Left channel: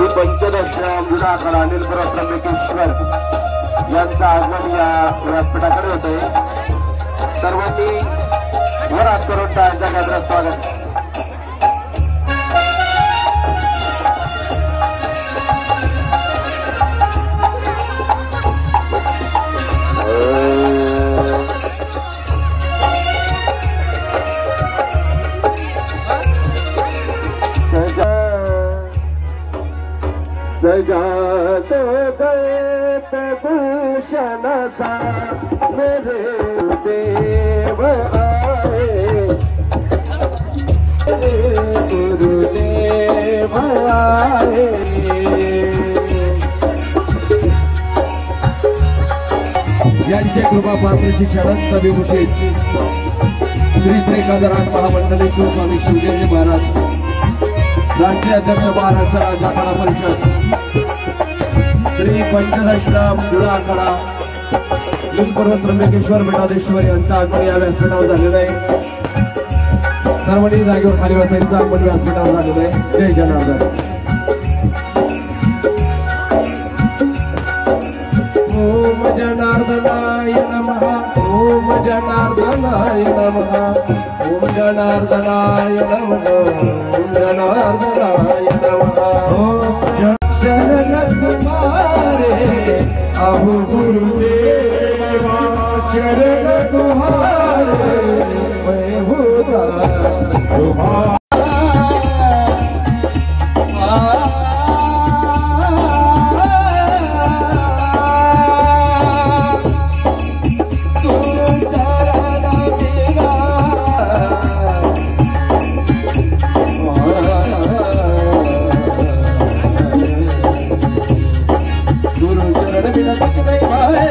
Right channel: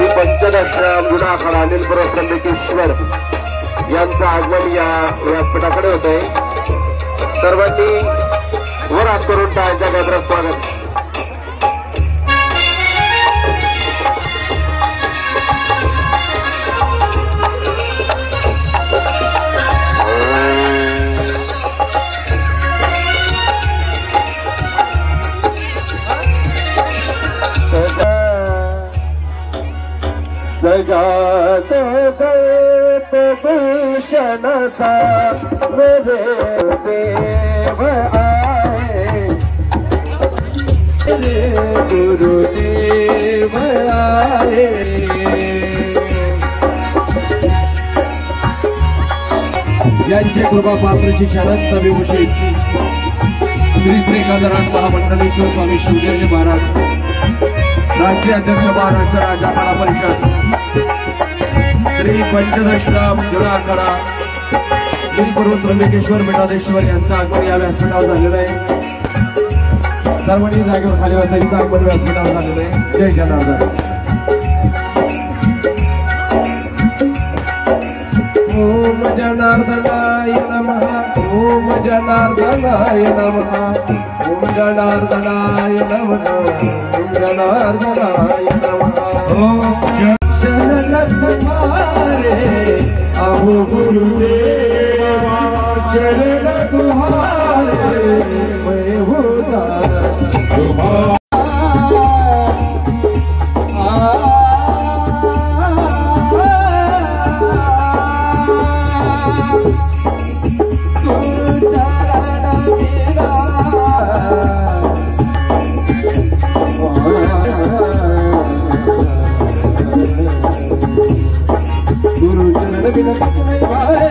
श्री पंचदशराम जुनाखडा नीलपुर त्र्यंबकेश्वर यांचं आगमन या व्यासपीठाकडे होत आहे। सर्वांनी वर हात करून टाळ्यांच्या गजरात स्वागत। सजात दौलत भूषण था मेरे देव आए, गुरुदेव आए। यांचे कृपा पात्र शिक्षणात सविभूषित श्री श्री गजानन महामंडलेश्वर स्वामी शिवगिरी महाराज, राज्य अध्यक्ष महाराष्ट्र राजा कला परिषद, श्री पंचदशराम जुनाखडा नीलपुर त्र्यंबकेश्वर मठाधीश्वर यांचा आगमन या व्यासपीठावर झालेला आहे। सर्वांनी जागेवर खाली बसायचं आगमन व्यासपीठावर झालेलं आहे। जय जनार्दन। ओम जनार्दनाय नमः, ओम जनार्दनाय नमः, ओम जनार्दनाय नमः, ओम जनार्दनाय नमः। ओम शरण तुम्हारे अहो गुरुदेव, शरण तुम्हारे मैं होता तुम्हारा। बिना कुछ नहीं भावे,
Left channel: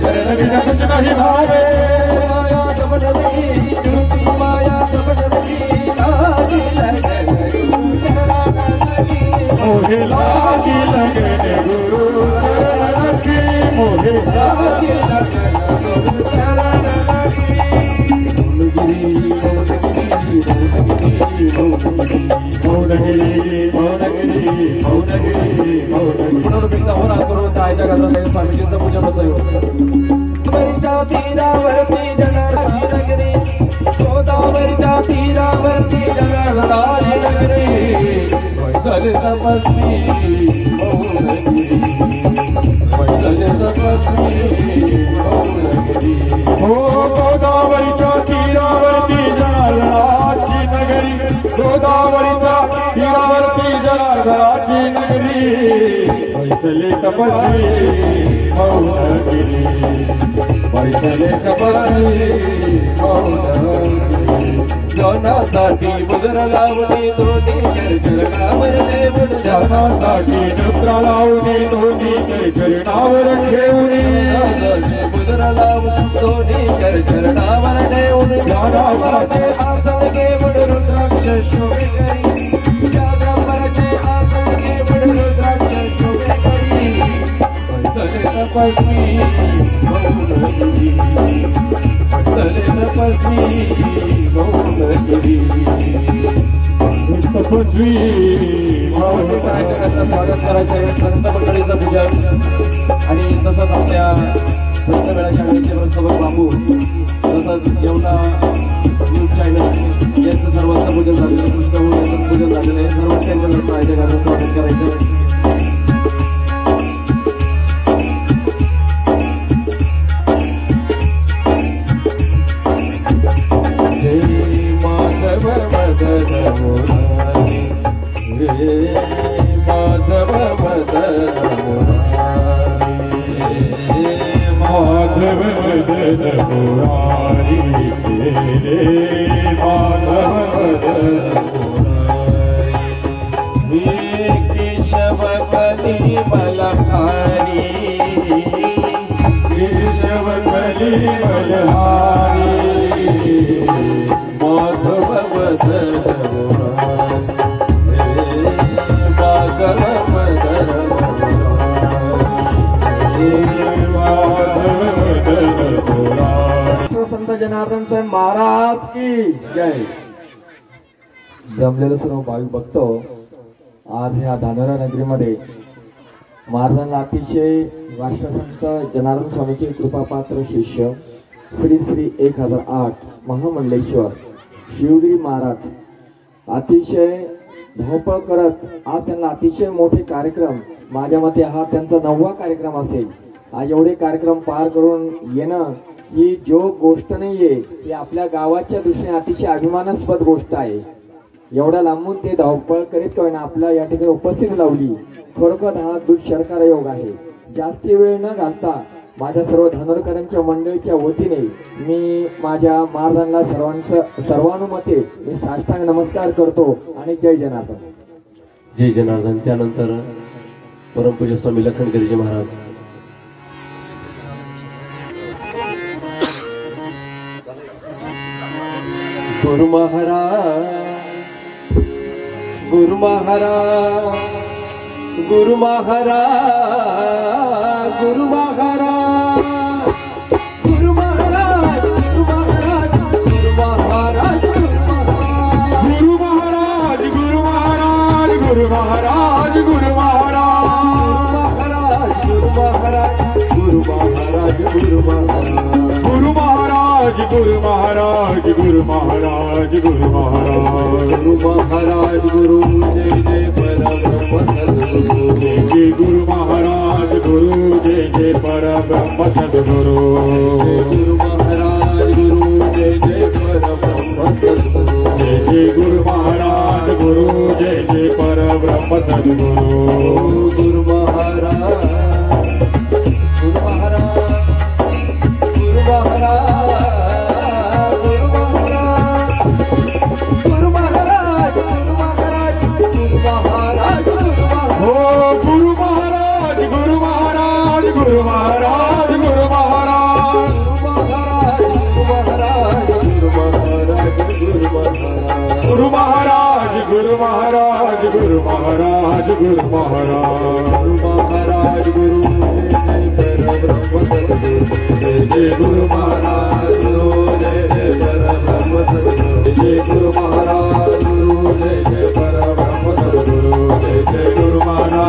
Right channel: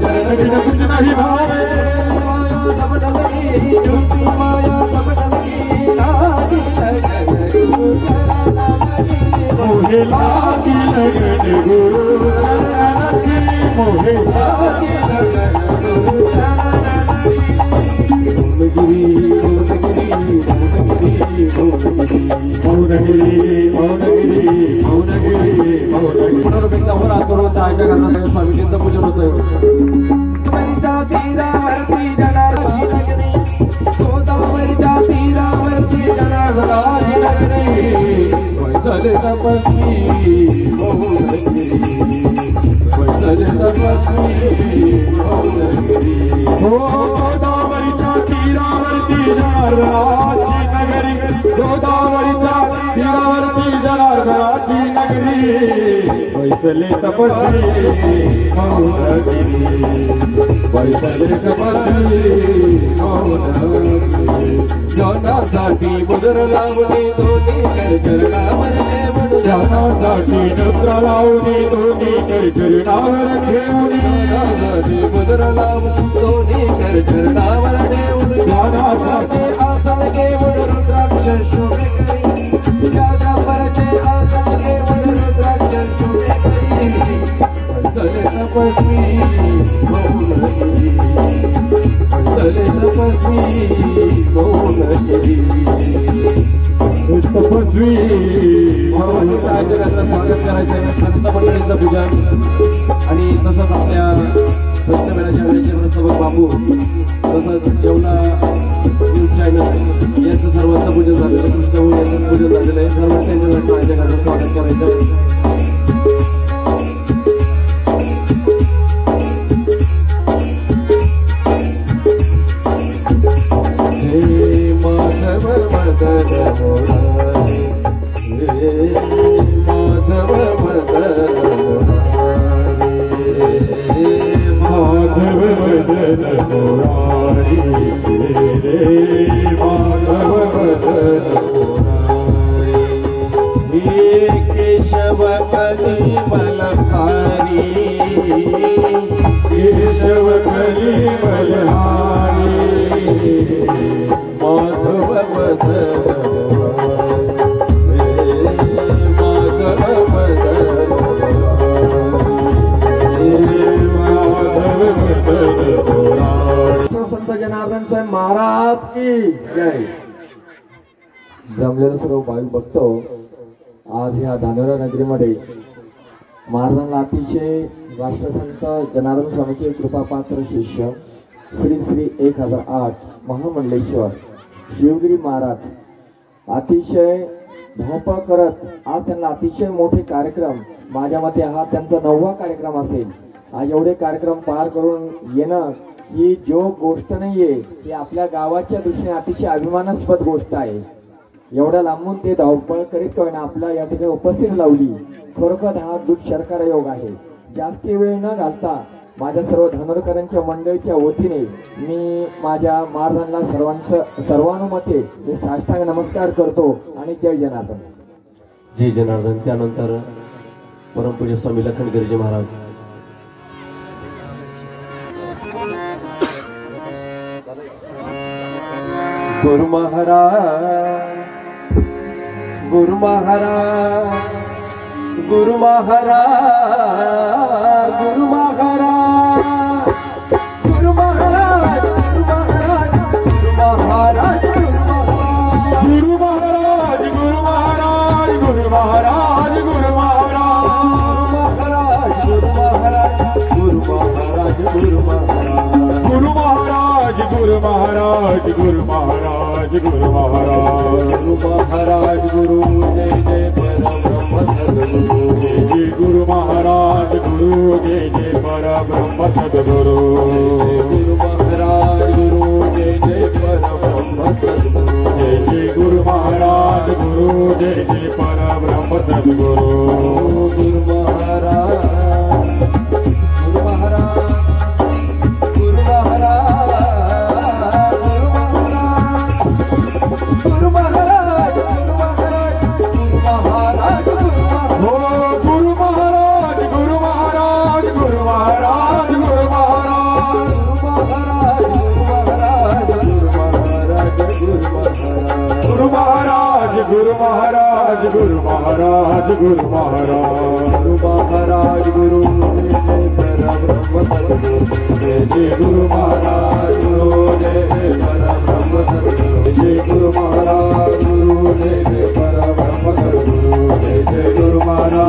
चरण बिना कुछ नहीं भावे। माया कपट लगी झूठी, माया कपट लगी लाज लगने गुरु चरण लगी, मोहे लाज लगने गुरु चरण लगी, मोहे लाज लगने गुरु चरण लगी। मौनगिरी मौनगिरी मौनगिरी मौनगिरी स्वामीजींचं पूजन होत आहे। गोदावरीच्या तीरावरती जनार्दनाची नगरी, गोदावरीच्या तीरावरती जनार्दनाची नगरी, वैसले तपस्वी मौनगिरी, वैसले तपस्वी मौनगिरी। हो गोदावरीच्या तीरावरती जनार्दनाची नगरी, गोदावरीच्या तीरावरती जनार्दनाची नगरी, वैसले तपस्वी मौनगिरी, वैसले तपस्वी मौनगिरी। ध्यानासाठी मुद्रा लावणे दोन्ही चरणावर ठेवून, ध्यानासाठी मुद्रा लावणे दोन्ही चरणावर ठेवून, मुद्रा लावून दोन्ही चरणावर ठेवून, ध्यानासाठी आसन घेऊन रुद्राक्ष शोभे करी, जागावरचे आसन घेऊन रुद्राक्ष शोभे करी, वैसले तपस्वी मौनगिरी, वैसले तपस्वी मौनगिरी, तपस्वी मौनगिरी। स्वागत करायचे संत मंडळीचं पूजन आणि तसंच आपल्या संतमेळा शाळेचे सोबत बापू, तसंच येवला न्यूज चॅनल यांचं सर्वांचं पूजन झालेलं आहे, कृष्ण यांचं पूजन झालेलं आहे। सर्वांच्या स्वागत करायचं आहे। केशव कली बलहारी, केशव कली बलहारी, माधव संत जनार्दन स्वयं महाराज की जय। जमलेलं सर्व भाविक भक्त आज ह्या धानोरा नगरीमध्ये महाराजांना अतिशय राष्ट्रसंत जनार्दन स्वामीचे कृपापात्र शिष्य श्री श्री 1008 महामंडलेश्वर शिवगिरी महाराज अतिशय धावपळ करत आज त्यांना अतिशय मोठे कार्यक्रम, माझ्या मते हा त्यांचा 9वा कार्यक्रम असेल। आज एवढे कार्यक्रम पार करून येणं ही जो गोष्ट नाहीये, ती आपल्या गावाच्या दृष्टीने अतिशय अभिमानास्पद गोष्ट आहे। एवढ्या लांबून ते धावपळ करीत का होईना आपल्या या ठिकाणी उपस्थिती लावली, खरोखर हा दुःशरकार योग आहे। जास्ती वेळ न घालता माझ्या सर्व धानोरकरांच्या मंडळीच्या वतीने मी माझ्या महाराजांना सर्वानुमते मी साष्टांग नमस्कार करतो आणि जय जनार्दन। जय जनार्दन। त्यानंतर परमपूज्य स्वामी लखनगिरीजी महाराज। गुरु महाराज, गुरु महाराज, गुरु महाराज, गुरु महाराज, गुरु महाराज, गुरु महाराज, गुरु महाराज, गुरु महाराज, गुरु महाराज, गुरु महाराज, गुरु महाराज, गुरु महाराज, गुरु महाराज, गुरु महाराज, गुरु महाराज, गुरु महाराज, गुरु महाराज, गुरु महाराज, गुरु महाराज, गुरु जय जय परब्रह्म सद्गुरु, जय गुरु महाराज, गुरु जय जय परब्रह्म सद्गुरु, गुरु महाराज, गुरु जय जय परब्रह्म सद्गुरु, जय जय गुरु महाराज, गुरु जय जय परब्रह्म सद्गुरु, गुरु महाराज, गुरु महाराज, गुरु महाराज, गुरु महाराज, गुरु महाराज, गुरु महाराज, हो गुरु महाराज, गुरु महाराज, गुरु महाराज, गुरु महाराज, गुरु महाराज, गुरु महाराज, गुरु महाराज, गुरु महाराज, गुरु महाराज, गुरु महाराज, गुरु महाराज, गुरु जय परब्रह्म सद्गुरु, जय जय गुरु महाराज, गुरु जय जय परब्रह्म सद्गुरु, जय गुरु महाराज, गुरु जय जय परब्रह्म सद्गुरु, जय जय गुरु महाराज।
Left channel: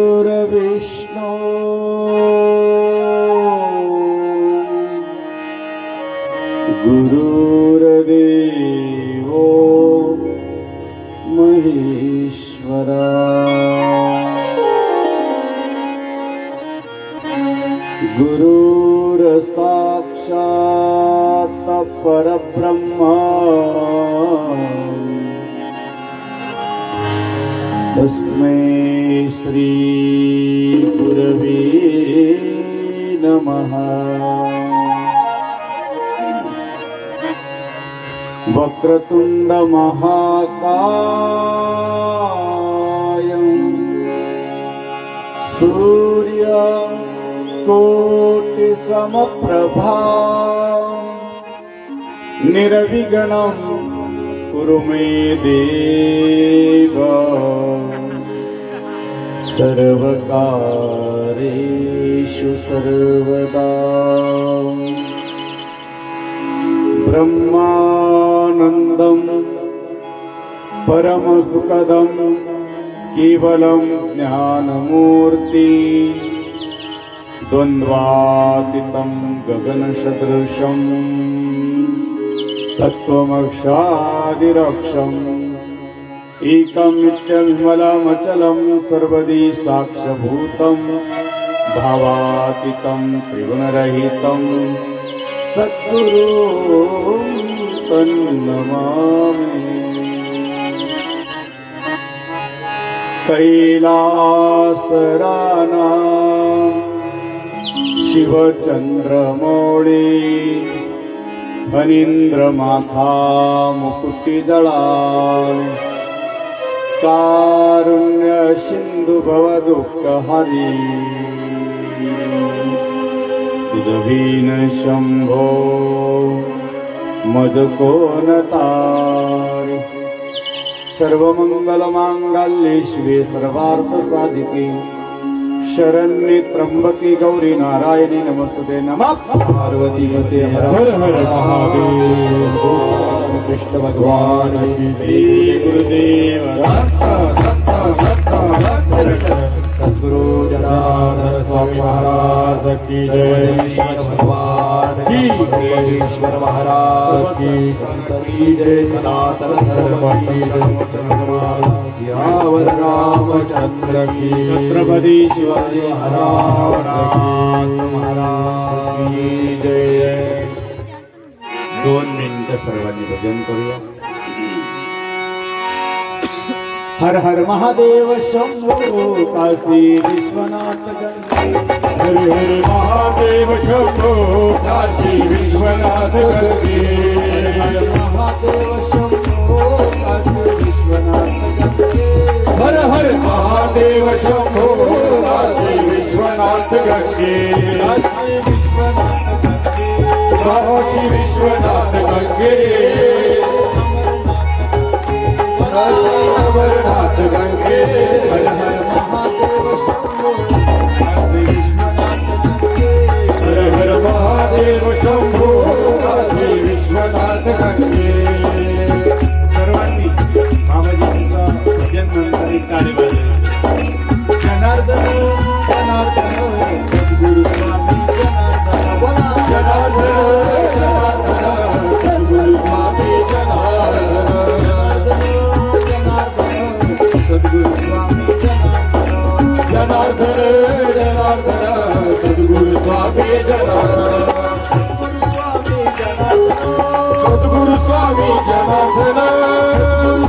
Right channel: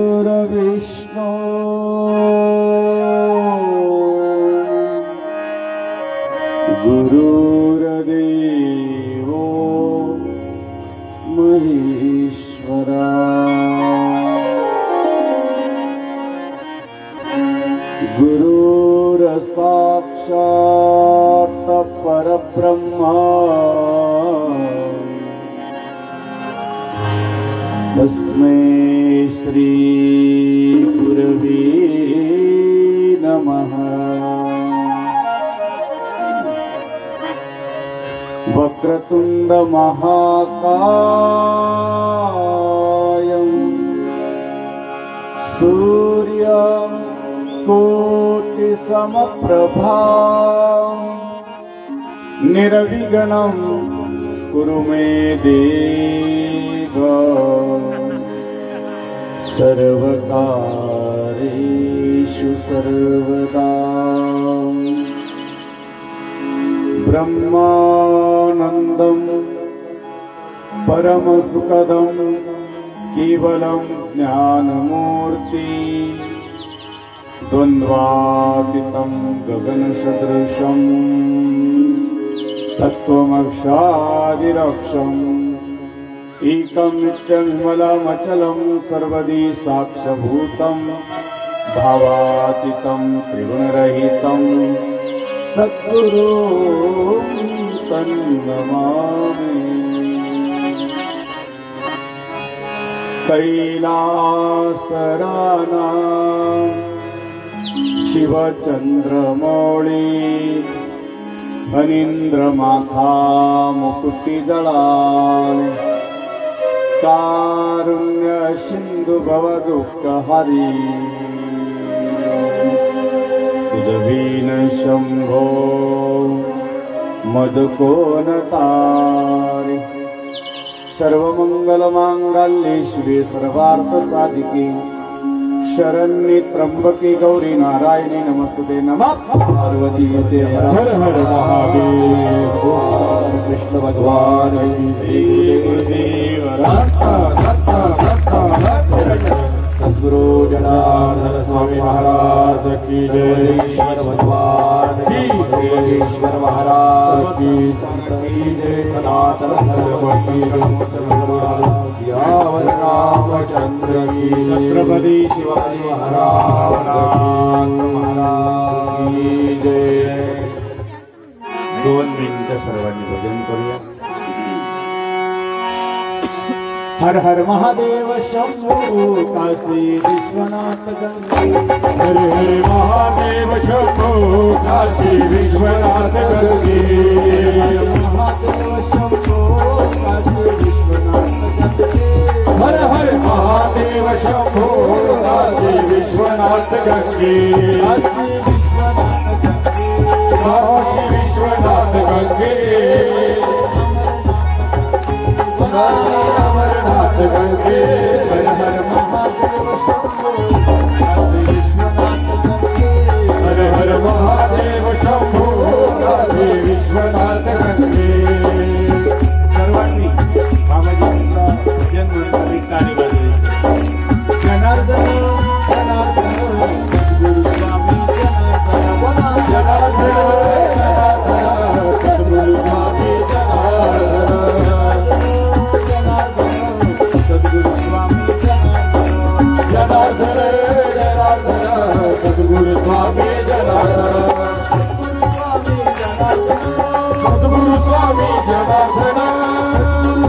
गुरुर्विष्णु गुरुर्देवो महेश्वरा, गुरुर्साक्षात् परब्रह्म तस्मै श्री गुरवे नमः। वक्रतुंड महाकायं सूर्य कोटि समप्रभा निर्विघ्नं कुरु मे देव सर्वकारेषु सर्वदा। ब्रह्मानन्दं परमसुखदं केवलं ज्ञानमूर्ति द्वन्द्वातीतं गगनसदृशं तत्त्वमक्षादिरक्षम् एकं नित्यं विमलमचलं सर्वदी साक्षभूतं भावातीतं त्रिगुणरहितं सद्गुरुं तन्नमामि। कैलासरानां शिवचन्द्रमौळी फणीन्द्रमाथा मुकुटिदळाळी कारुण्य सिंधु भवदुःखहरी तुझवीन शंभो मज कोण तारी। सर्वमंगलमांगल्ये शिवे सर्वार्थ साधिके शरण्ये त्र्यंबके गौरी नारायणी नमस्तुते। नमः पार्वती पते हर हर महादेव। कृष्ण भगवान की गुरुदेव सद्गुरु जनार्दन स्वामी महाराज की जय। ईश्वर भगवान की जय। ईश्वर महाराज की जय। सनातन धर्म की जय। सियावर रामचंद्र की छत्रपति शिवाजी महाराज की जय। 2 मिनिटं सर्वांनी भजन करूया। हर हर महादेव शंभो काशी विश्वनाथ गंगे। हर हर महादेव शंभो काशी विश्वनाथ गंगे। हर महादेव शंभो काशी विश्वनाथ गंगे। हर हर महादेव शंभो काशी विश्वनाथ गंगे। काशी विश्वनाथ गंगे। गंगे हर हर महादेव शंभो काशी विश्वनाथ गंगे। हर हर महादेव शंभो काशी विश्वनाथ गंगे। सर्वांनी मामाजींचा भजन मंडळी ताली वाजवली। जनार्दन जनार्दन सद्गुरु स्वामी जनार्दन जनार्दन सद्गुरु स्वामी सद्गुरु स्वामी जनार्दन जनार्दन सद्गुरु स्वामी सद्गुरु स्वामी जनार्दन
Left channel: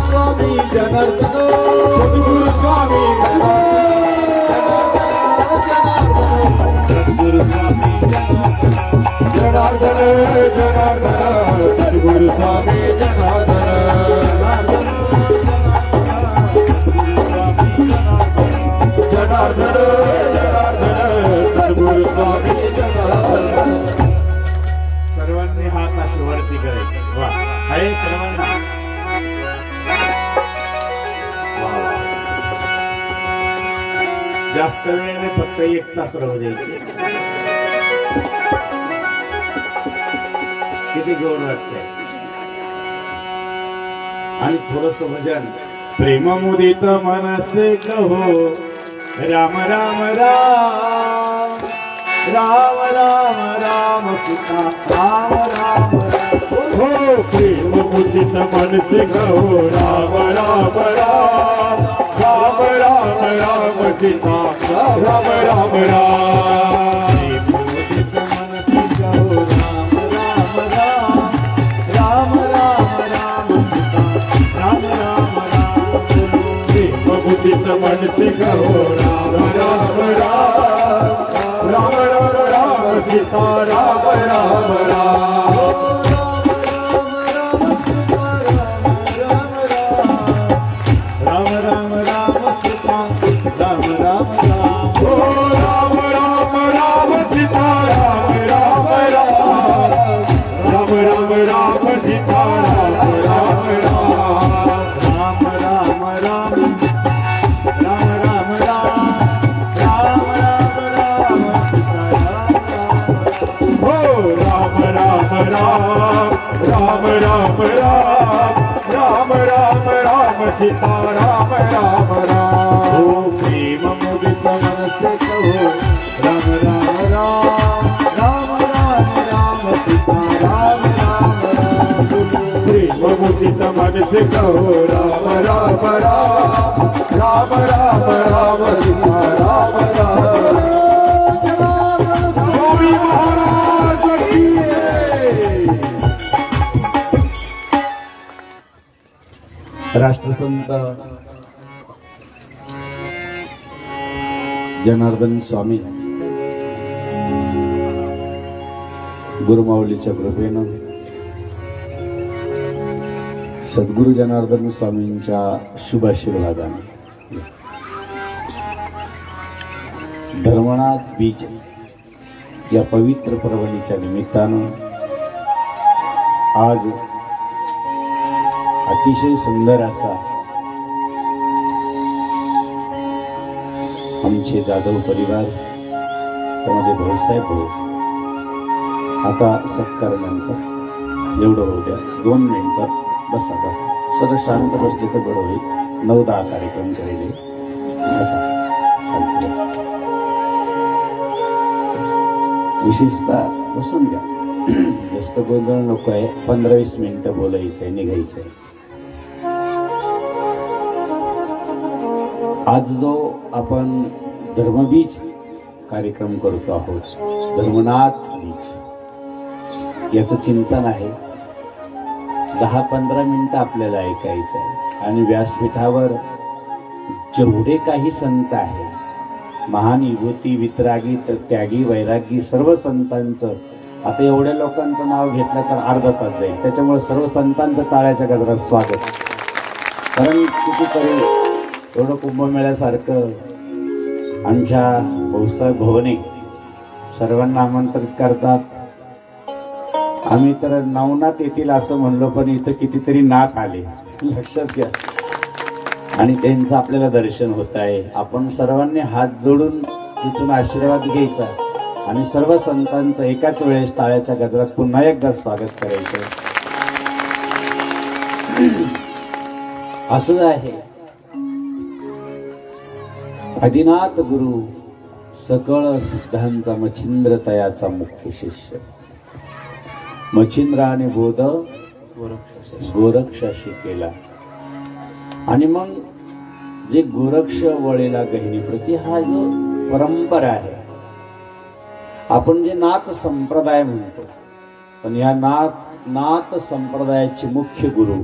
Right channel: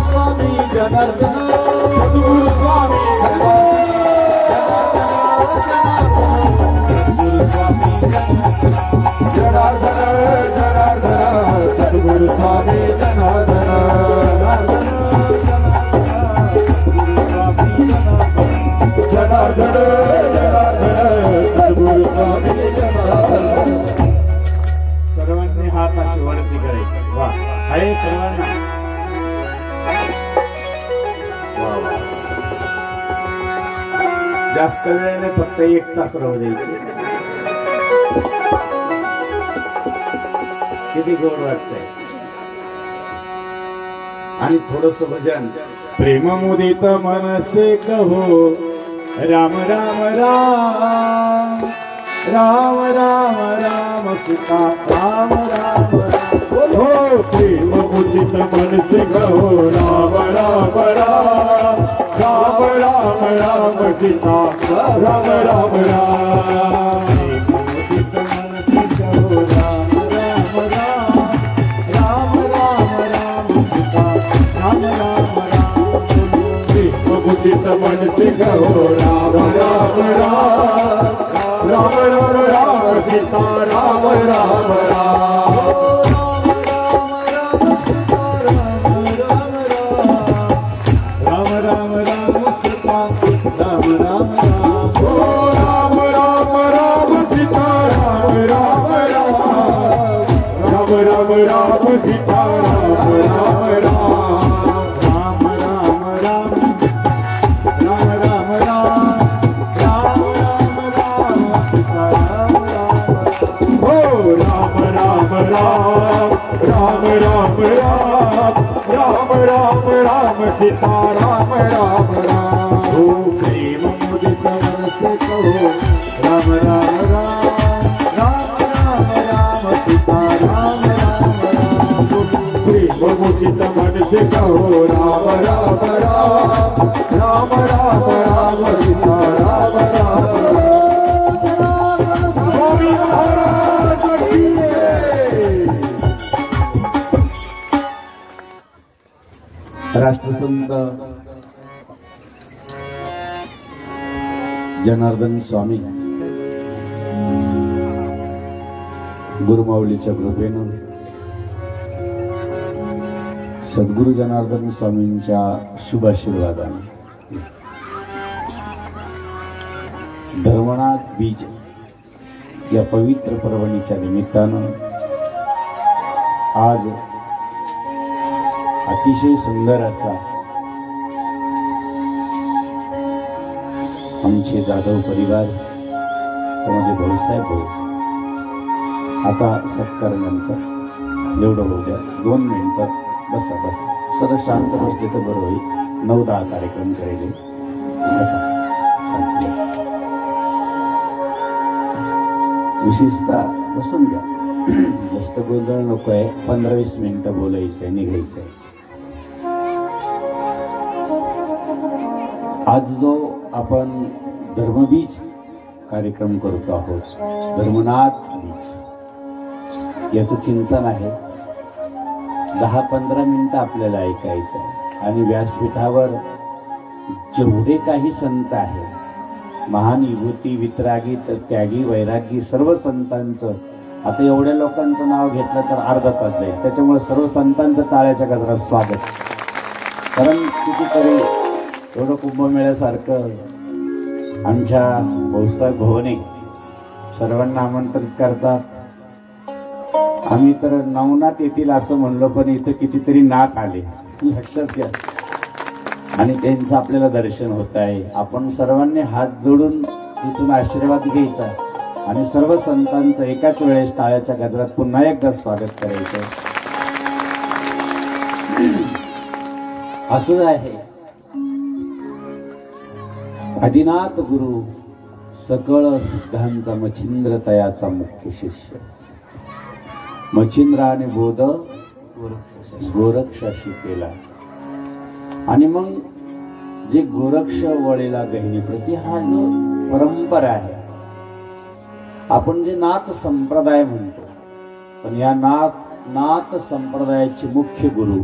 स्वामी जनार्दन सद्गुरु स्वामी सद्गुरु स्वामी जनार्दन जनार्दन सद्गुरु स्वामी जनार्दन। सर्वांनी हात अशी वरती करायचे। वा आहे सर्वांना जास्त वेळ नाही, फक्त 1 तास राहू द्यायचे। किती गोड वाटतंय। आणि थोडस भजन प्रेम मुदित मनसे कहो राम राम राम राम राम राम सीता राम राम हो। प्रेम मुदित मनसे कहो राम राम राम राम राम राम सीता राम राम राम। मुदित मनसे कहो राम राम राम राम राम सीता राम राम राम। मुदित मनसे कहो राम राम राम राम राम राम सीता राम राम राम। राम राम राम सीता राम राम राम। ओ राम राम राम सीता राम राम राम। राम राम राम सीता राम राम राम। राम राम राम राम राम राम राम राम राम सीता राम राम। ओ राम राम राम राम राम राम राम राम राम सीता राम राम राम। ओ प्रेम मुदित मनसे कहो राम राम राम राम राम राम सीता राम राम राम। प्रेम मुदित मनसे कहो राम राम राम राम राम राम सीता राम राम। राष्ट्रसंत जनार्दन स्वामी गुरुमाऊलीच्या कृपेनं सद्गुरु जनार्दन स्वामींच्या शुभ आशीर्वादाने धर्मनाथ बीज या पवित्र पर्वणीच्या निमित्तानं आज अतिशय सुंदर असा आमचे जाधव परिवार त्यामध्ये भाऊसाहेब भाऊ आता सत्कारानंतर एवढं होऊ द्या 2 मिनिटं बसा सगळं शांत बसले तर बरं होईल 9-10 कार्यक्रम करेल बसा विशेषतः बसून घ्या जास्त गोंधळ नको आहे 15-20 मिनिटं बोलायचं आहे निघायचं आहे आज जो आपण धर्मबीज कार्यक्रम करतो आहोत धर्मनाथ बीज याचं चिंतन आहे 10-15 मिनिटं आपल्याला ऐकायचं आहे आणि व्यासपीठावर जेवढे काही संत आहेत महान विभूती वितरागी तर त्यागी वैरागी सर्व संतांचं आता एवढ्या लोकांचं नाव घेतलं तर अर्धा तास जाईल त्याच्यामुळे सर्व संतांचं टाळ्याच्या गजरात स्वागत कारण कितीतरी एवढं कुंभमेळ्यासारखं आमच्या भाऊसाहेब भवने सर्वांना आमंत्रित करतात आम्ही तर नवनाथ येतील असं म्हणलो पण इथं कितीतरी नाथ आले लक्षात घ्या आणि त्यांचं आपल्याला दर्शन होत आहे आपण सर्वांनी हात जोडून तिथून आशीर्वाद घ्यायचा आणि सर्व संतांचं एकाच वेळेस टाळ्याच्या गजरात पुन्हा एकदा स्वागत करायचं असं आहे आदिनाथ गुरु सकळ सिद्धांचा मच्छिंद्र तयाचा मुख्य शिष्य मच्छिंद्राने बोध गोरक्षाशी केला आणि मग जे गोरक्ष वळेला गहिनीप्रती हा जो परंपरा आहे आपण जे नाथ संप्रदाय म्हणतो पण या नाथ संप्रदायाचे मुख्य गुरु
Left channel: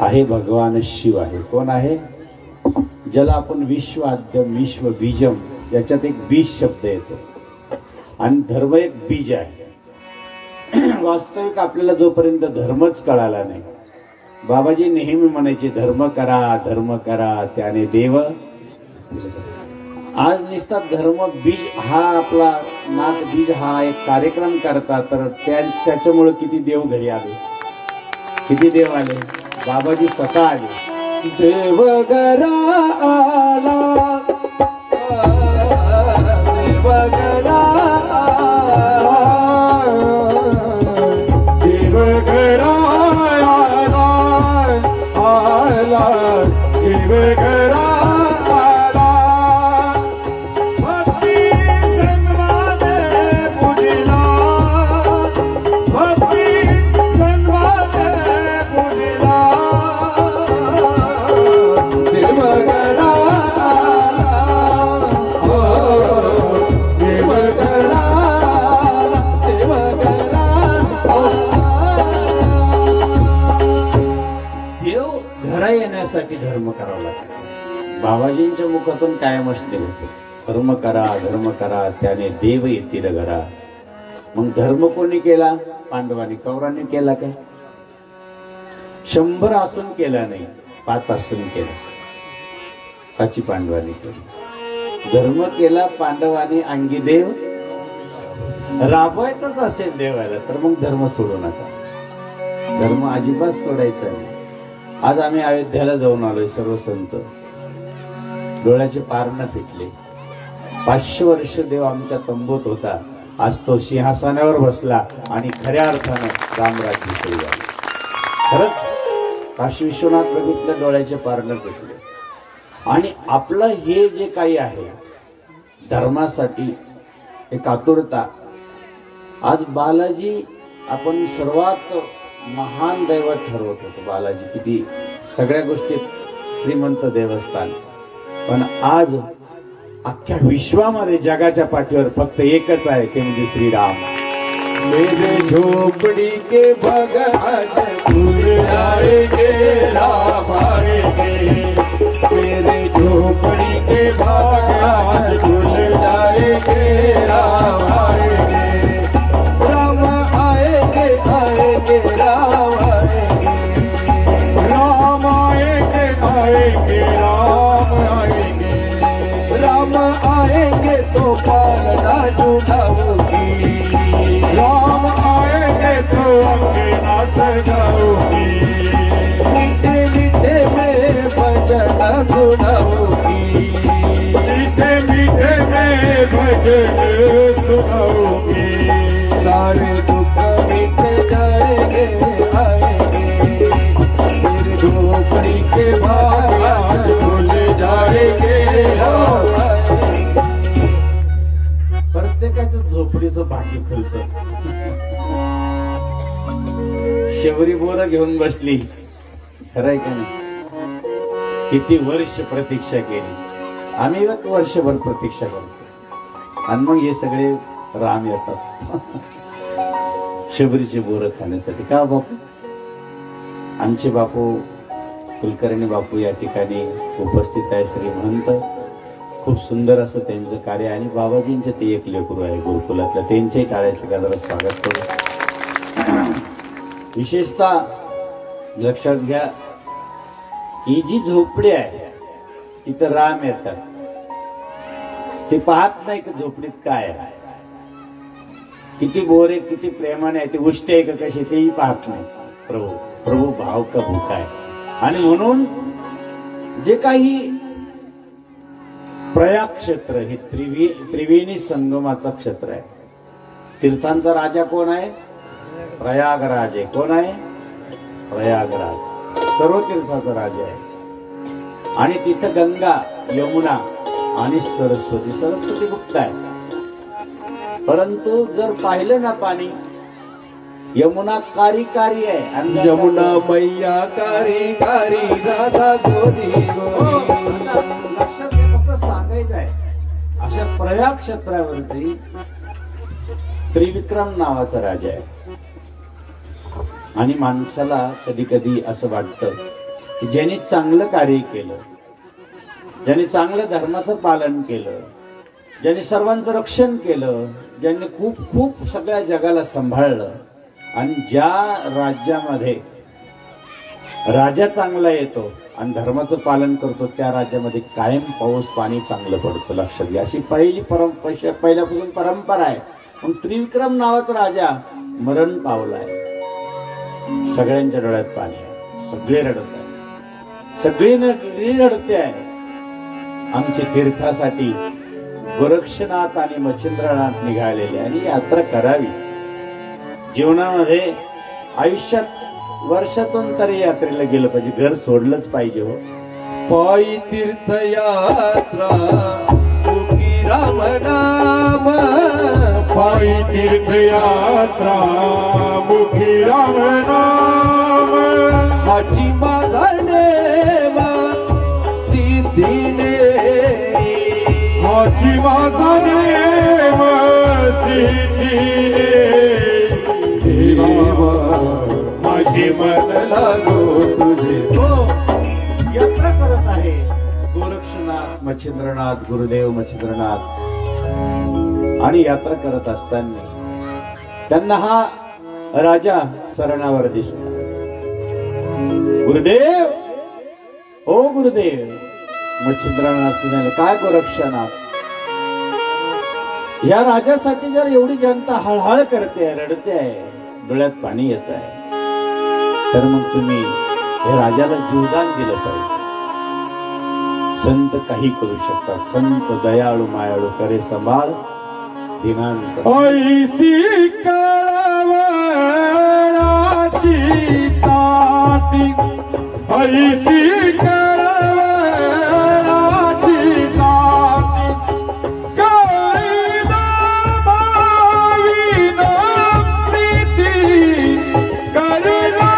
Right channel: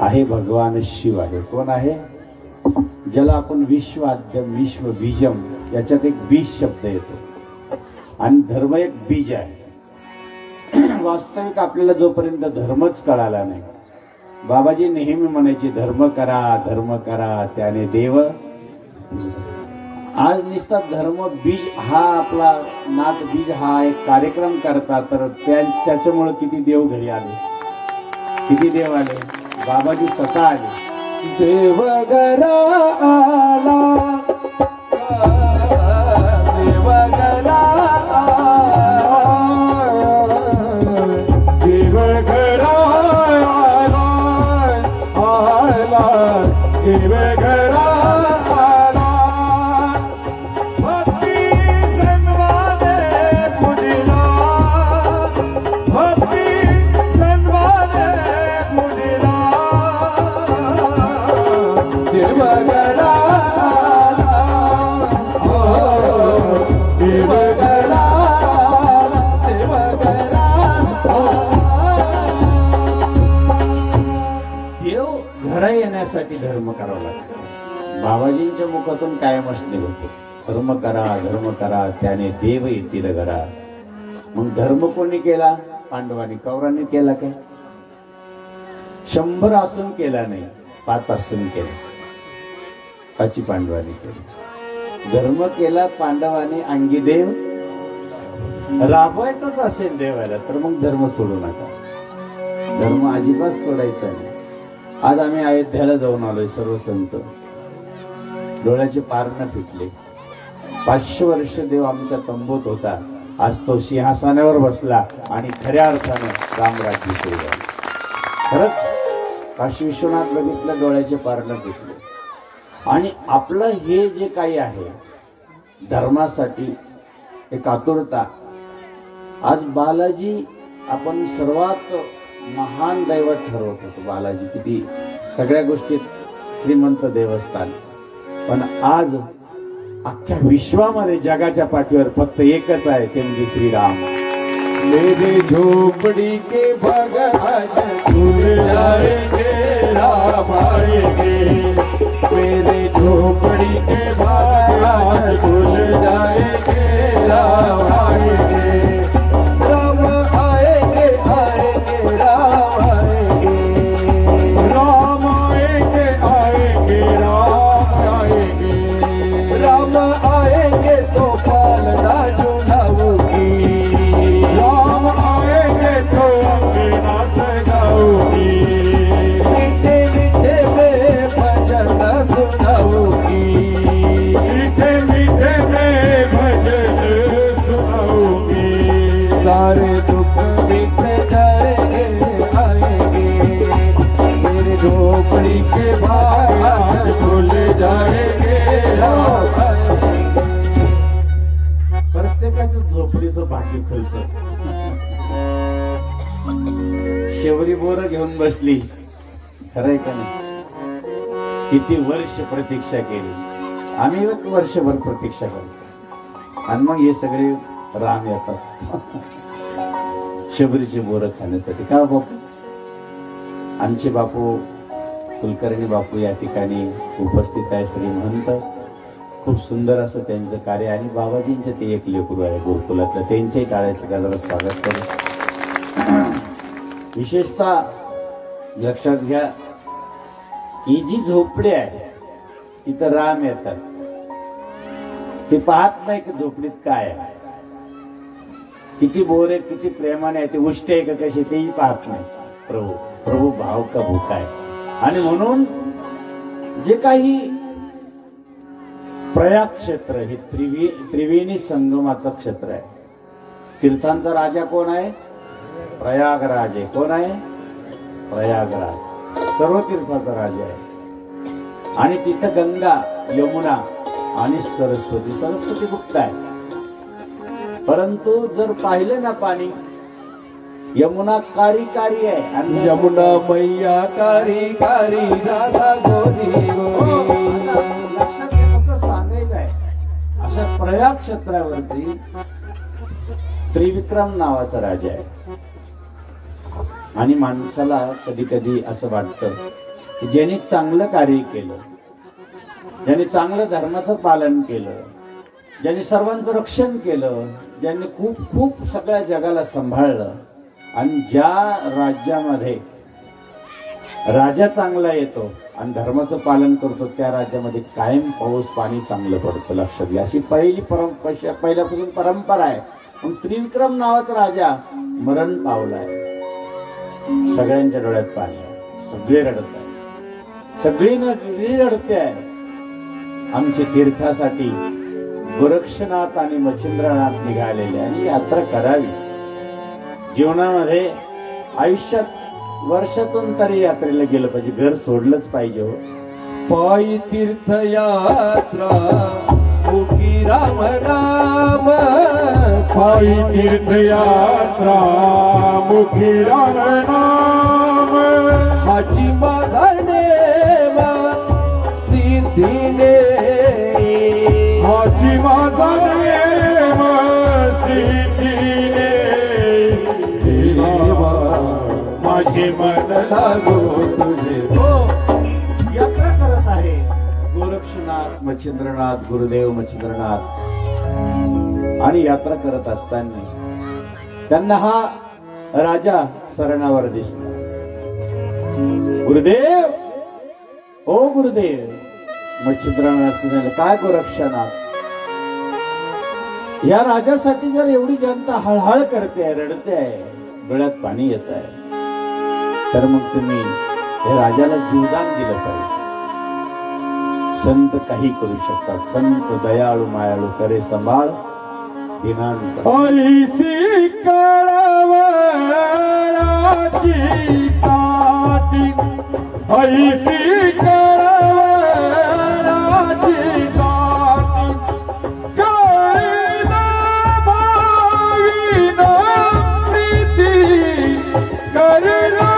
आहे भगवान शिव आहे कोण आहे ज्याला आपण विश्वाद्यम विश्व बीजम याच्यात एक बीज शब्द येतो आणि धर्म एक बीज आहे वास्तविक आपल्याला जोपर्यंत धर्मच कळाला नाही बाबाजी नेहमी म्हणायचे धर्म करा त्याने देव आज नुसता धर्म बीज हा आपला नाथ बीज हा एक कार्यक्रम करता तर त्याच्यामुळे किती देव घरी आले किती देव आले बाबाजी स्वतः आले देव घरा आला देव घरा देव घरा आला देव घरा आला भक्ती सन्माने पुढला भक्ती सन्माने पुढला देव घरा देव घरा देव घरा देव घरा येण्यासाठी धर्म करावा लागतो बाबाजींच्या मुखातून कायम असले होते धर्म करा त्याने देव येतील घरा मग धर्म कोणी केला पांडवांनी कौरांनी केला का 100 असून केला नाही 5 असून केला 5 पांडवांनी केला धर्म केला पांडवांनी अंगी देव राबवायचाच असेल देवाला तर मग धर्म सोडू नका धर्म अजिबात सोडायचा नाही आज आम्ही अयोध्याला जाऊन आलोय सर्व संत डोळ्याचे पारणं फिटले 500 वर्ष देव आमच्या तंबूत होता आज तो सिंहासनावर बसला आणि खऱ्या अर्थानं रामराज्य सुरू झालं खरंच काशी विश्वनाथ बघितलं डोळ्याचे पारणं फिटले आणि आपलं हे जे काही आहे धर्मासाठी एक आतुरता आज बालाजी आपण सर्वात महान दैवत ठरवत होतो बालाजी किती सगळ्या गोष्टीत श्रीमंत देवस्थान पण आज अख्ख्या विश्वामध्ये जगाच्या पाठीवर फक्त एकच आहे ते म्हणजे श्रीराम मेरे झोपड़ी के भगवान खुल जाएंगे राम आएंगे, मेरे झोपड़ी के भगवान खुल जाएंगे राम आएंगे, राम आएंगे आएंगे राम आएंगे, राम आएंगे आएंगे राम आएंगे, राम आएंगे तो पालना जुड़ाऊंगी, राम आएंगे तो अंगना सजाऊंगी, मीठे मीठे में भजन सुनाऊंगी, मीठे मीठे में भजन सुनाऊंगी, सारे दुख मिट जाएंगे आएंगे, मेरे झोपड़ी के बाग खुल जाएंगे राम आएंगे। प्रत्येकाचं झोपडीचं भाग्य खुलत. शेवरी बोरं घेऊन बसली, खरंय का नाही? किती वर्ष प्रतीक्षा केली, आम्ही वर्षभर प्रतीक्षा करतो आणि मग हे सगळे राम येतात शबरीची बोरं खाण्यासाठी. का बापू? आमचे बापू कुलकर्णी बापू या ठिकाणी उपस्थित आहे. श्रीमंत, खूप सुंदर असं त्यांचं कार्य. आणि बाबाजींचं ते एक लेकरू आहे गुरुकुलातलं, त्यांच्याही टाळ्याचं गाजाला स्वागत करू. विशेषतः लक्षात घ्या, ही जी झोपडी आहे तिथं राम येतात. ते पाहत नाही की झोपडीत काय आहे, किती बोरे किती प्रेमाने आहे, ते उष्ट आहे का कशी तेही पाहत नाही. प्रभू भाव का भूका आहे. आणि म्हणून जे काही प्रयाग क्षेत्र हे त्रिवेणी संगमाचं क्षेत्र आहे. तीर्थांचा राजा कोण आहे? प्रयागराज आहे. कोण आहे? प्रयागराज सर्व तीर्थाचा राजा आहे. आणि तिथं गंगा, यमुना आणि सरस्वती गुप्त आहे. परंतु जर पाहिलं ना पाणी, यमुना कारी कारी आहे आणि यमुना मैया कारी कारी राधा गोरी गोरी. लक्षात फक्त सांगायचं आहे, अशा प्रयाग क्षेत्रावरती त्रिविक्रम नावाचा राजा आहे. आणि माणसाला कधी कधी असं वाटतं की ज्यांनी चांगलं कार्य केलं, ज्यांनी चांगल्या धर्माचं पालन केलं, ज्यांनी सर्वांचं रक्षण केलं, ज्यांनी खूप खूप सगळ्या जगाला सांभाळलं, आणि ज्या राज्यामध्ये राजा चांगला येतो आणि धर्माचं पालन करतो त्या राज्यामध्ये कायम पाऊस पाणी चांगलं पडतं. लक्षात घ्या, अशी पहिल्यापासून परंपरा आहे. पण त्रिविक्रम नावाचा राजा मरण पावलाय. सगळ्यांच्या डोळ्यात पाणी आहे, सगळे रडत आहे, सगळी रडते आहे. आमच्या तीर्थासाठी गोरक्षनाथ आणि मच्छिंद्रनाथ निघालेले आणि यात्रा करावी. जीवनामध्ये आयुष्यात वर्षातून तरी यात्रेला गेलं पाहिजे, घर सोडलंच पाहिजे. हो, पायी तीर्थयात्रा मुखी राम नाम, पायी तीर्थयात्रा मुखी राम नाम, हाची माझा नेवा सिद्धीने, हाची माझा नेम सिद्धीने, माझी मन लागो तुझे. हो, यात्रा करत आहे गोरक्षनाथ मच्छिंद्रनाथ, गुरुदेव मच्छिंद्रनाथ. आणि यात्रा करत असताना त्यांना हा राजा सरणावर दिसला. गुरुदेव, हो गुरुदेव. मच्छिंद्रनाथ सांगितलं, काय गोरक्षनाथ, या राजासाठी जर एवढी जनता हळहळ करते, रडते आहे, डोळ्यात पाणी येत आहे, तर मग तुम्ही या राजाला जीवदान दिलं पाहिजे. संत काही करू शकतात. संत दयाळू मायाळू करे संभाळ दिनांचा. ऐसी कळवळाची ताटी, ऐसी कळवळाची ताटी, करीना भाविना प्रीती, करीना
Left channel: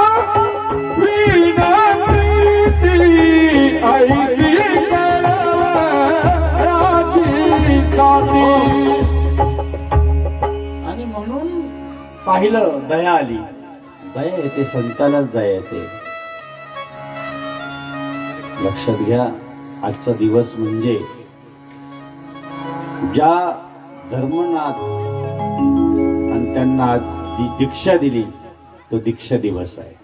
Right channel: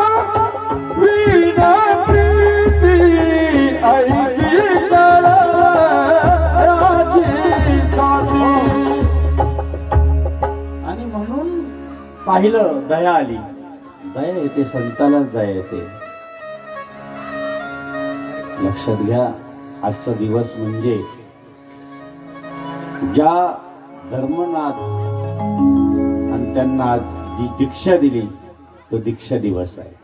भाविना प्रीती, ऐसी कळवळाची ताटी. आणि म्हणून पाहिलं दया आली. दया येते, संतालाच दया येते. लक्षात घ्या, आजचा दिवस म्हणजे ज्या धर्मनाथ आणि त्यांना आज जी दीक्षा दिली तो दीक्षा दिवस आहे.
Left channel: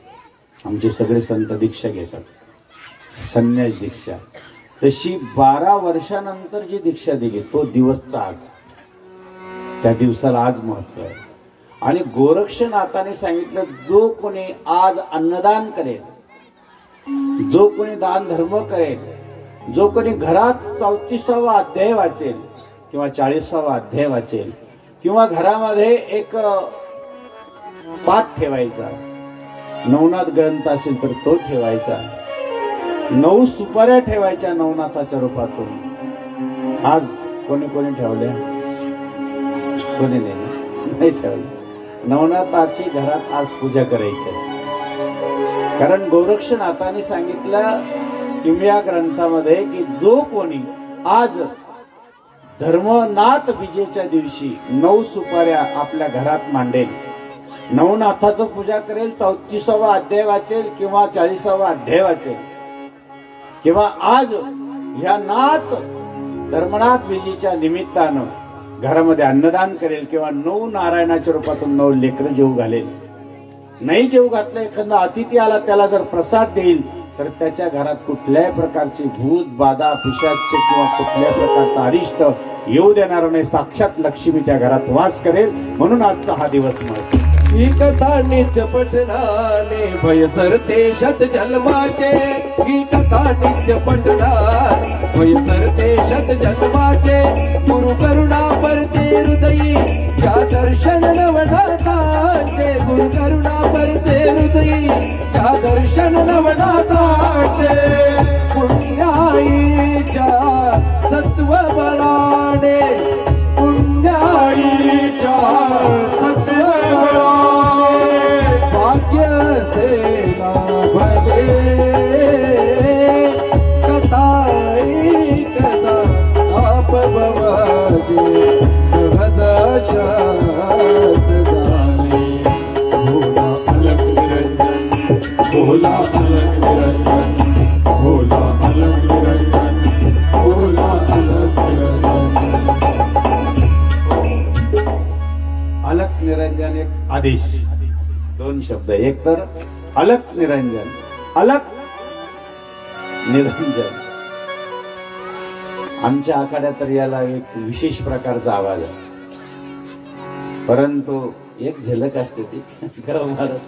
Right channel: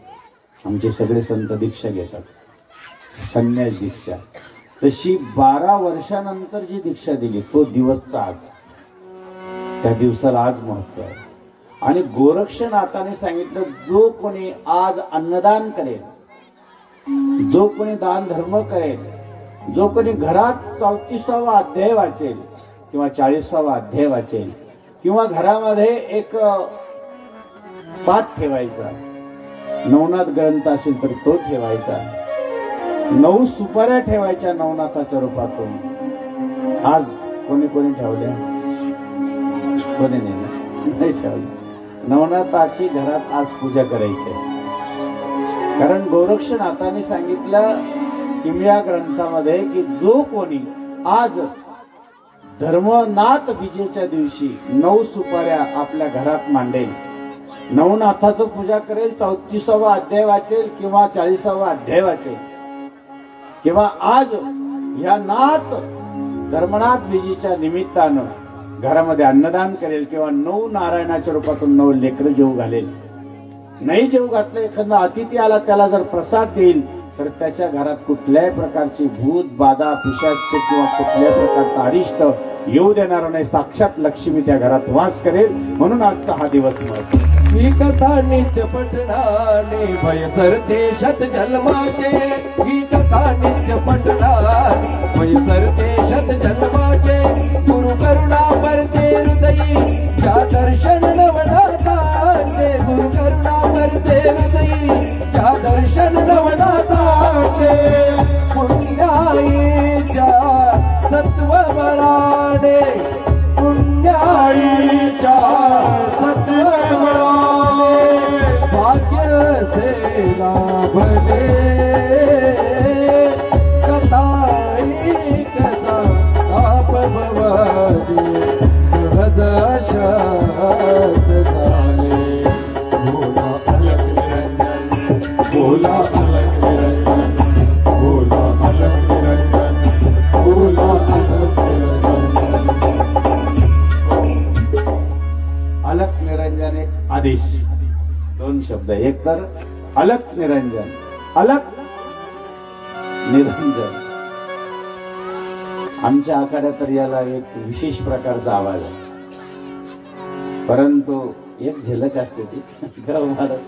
आमचे सगळे संत दीक्षा घेतात, संन्यास दीक्षा. तशी 12 वर्षानंतर जी दीक्षा दिली तो दिवसचा आज, त्या दिवसाला आज महत्व आहे. आणि गोरक्षनाथाने सांगितलं, जो कोणी आज अन्नदान करेल, जो कोणी दान धर्म करेल, जो कोणी घरात 34वा अध्याय वाचेल किंवा 40वा अध्याय वाचेल किंवा घरामध्ये एक पाठ ठेवायचा, नवनाथ ग्रंथ असेल तर तो ठेवायचा, 9 सुपाऱ्या ठेवायच्या नवनाथाच्या रूपातून. आज कोणी कोणी ठेवल्या? कोणी नाही ठेवलं. नवनाथाची घरात आज पूजा करायची असते. कारण गोरक्षनाथाने सांगितलं किमया ग्रंथामध्ये की जो कोणी आज धर्मनाथ विजेच्या दिवशी 9 सुपाऱ्या आपल्या घरात मांडेल, नवनाथाचं पूजा करेल, 34वा अध्याय वाचेल किंवा 40वा अध्याय वाचेल किंवा आज ह्या नाथ धर्मनाथ विजेच्या निमित्तानं घरामध्ये अन्नदान करेल किंवा 9 नारायणाच्या रूपातून 9 लेकरं जेवू घालेल. नाही जेवू घातलं, एखादा अतिथी आला त्याला जर प्रसाद देईल तर त्याच्या घरात कुठल्याही प्रकारची भूत बाधा पिशाच किंवा कुठल्याही प्रकारचा अरिष्ट येऊ देणार नाही. साक्षात लक्ष्मी त्या घरात वास करेल. म्हणून आजचा हा दिवस महत्त्वाचा. ही कथा नित्य पठणाने भय सरते शत जन्माचे. ही कथा नित्य पठणाने भय सरते शत जन्माचे. गुरु करुणा परते हृदयी या दर्शन नवनाथाचे. गुरु करुणा परते हृदयी या दर्शन नवनाथाचे. पुण्याईच्या सत्व बळाने, पुण्याईच्या सत्व बळाने भाग्य से लाभले. कथाई कथा ताप भवाजे सहज शत झाले. भोला अलख निरंजन, भोला अलख निरंजन, भोला अलख निरंजन, भोला अलख निरंजन. अलख निरंजन एक आदेश, 2 शब्द. एक तर अलख निरंजन, अलख निरंजन. आमच्या आखाड्यात तर याला एक विशेष प्रकारचा आवाज आहे, परंतु एक झलक असते ती गाव महाराज.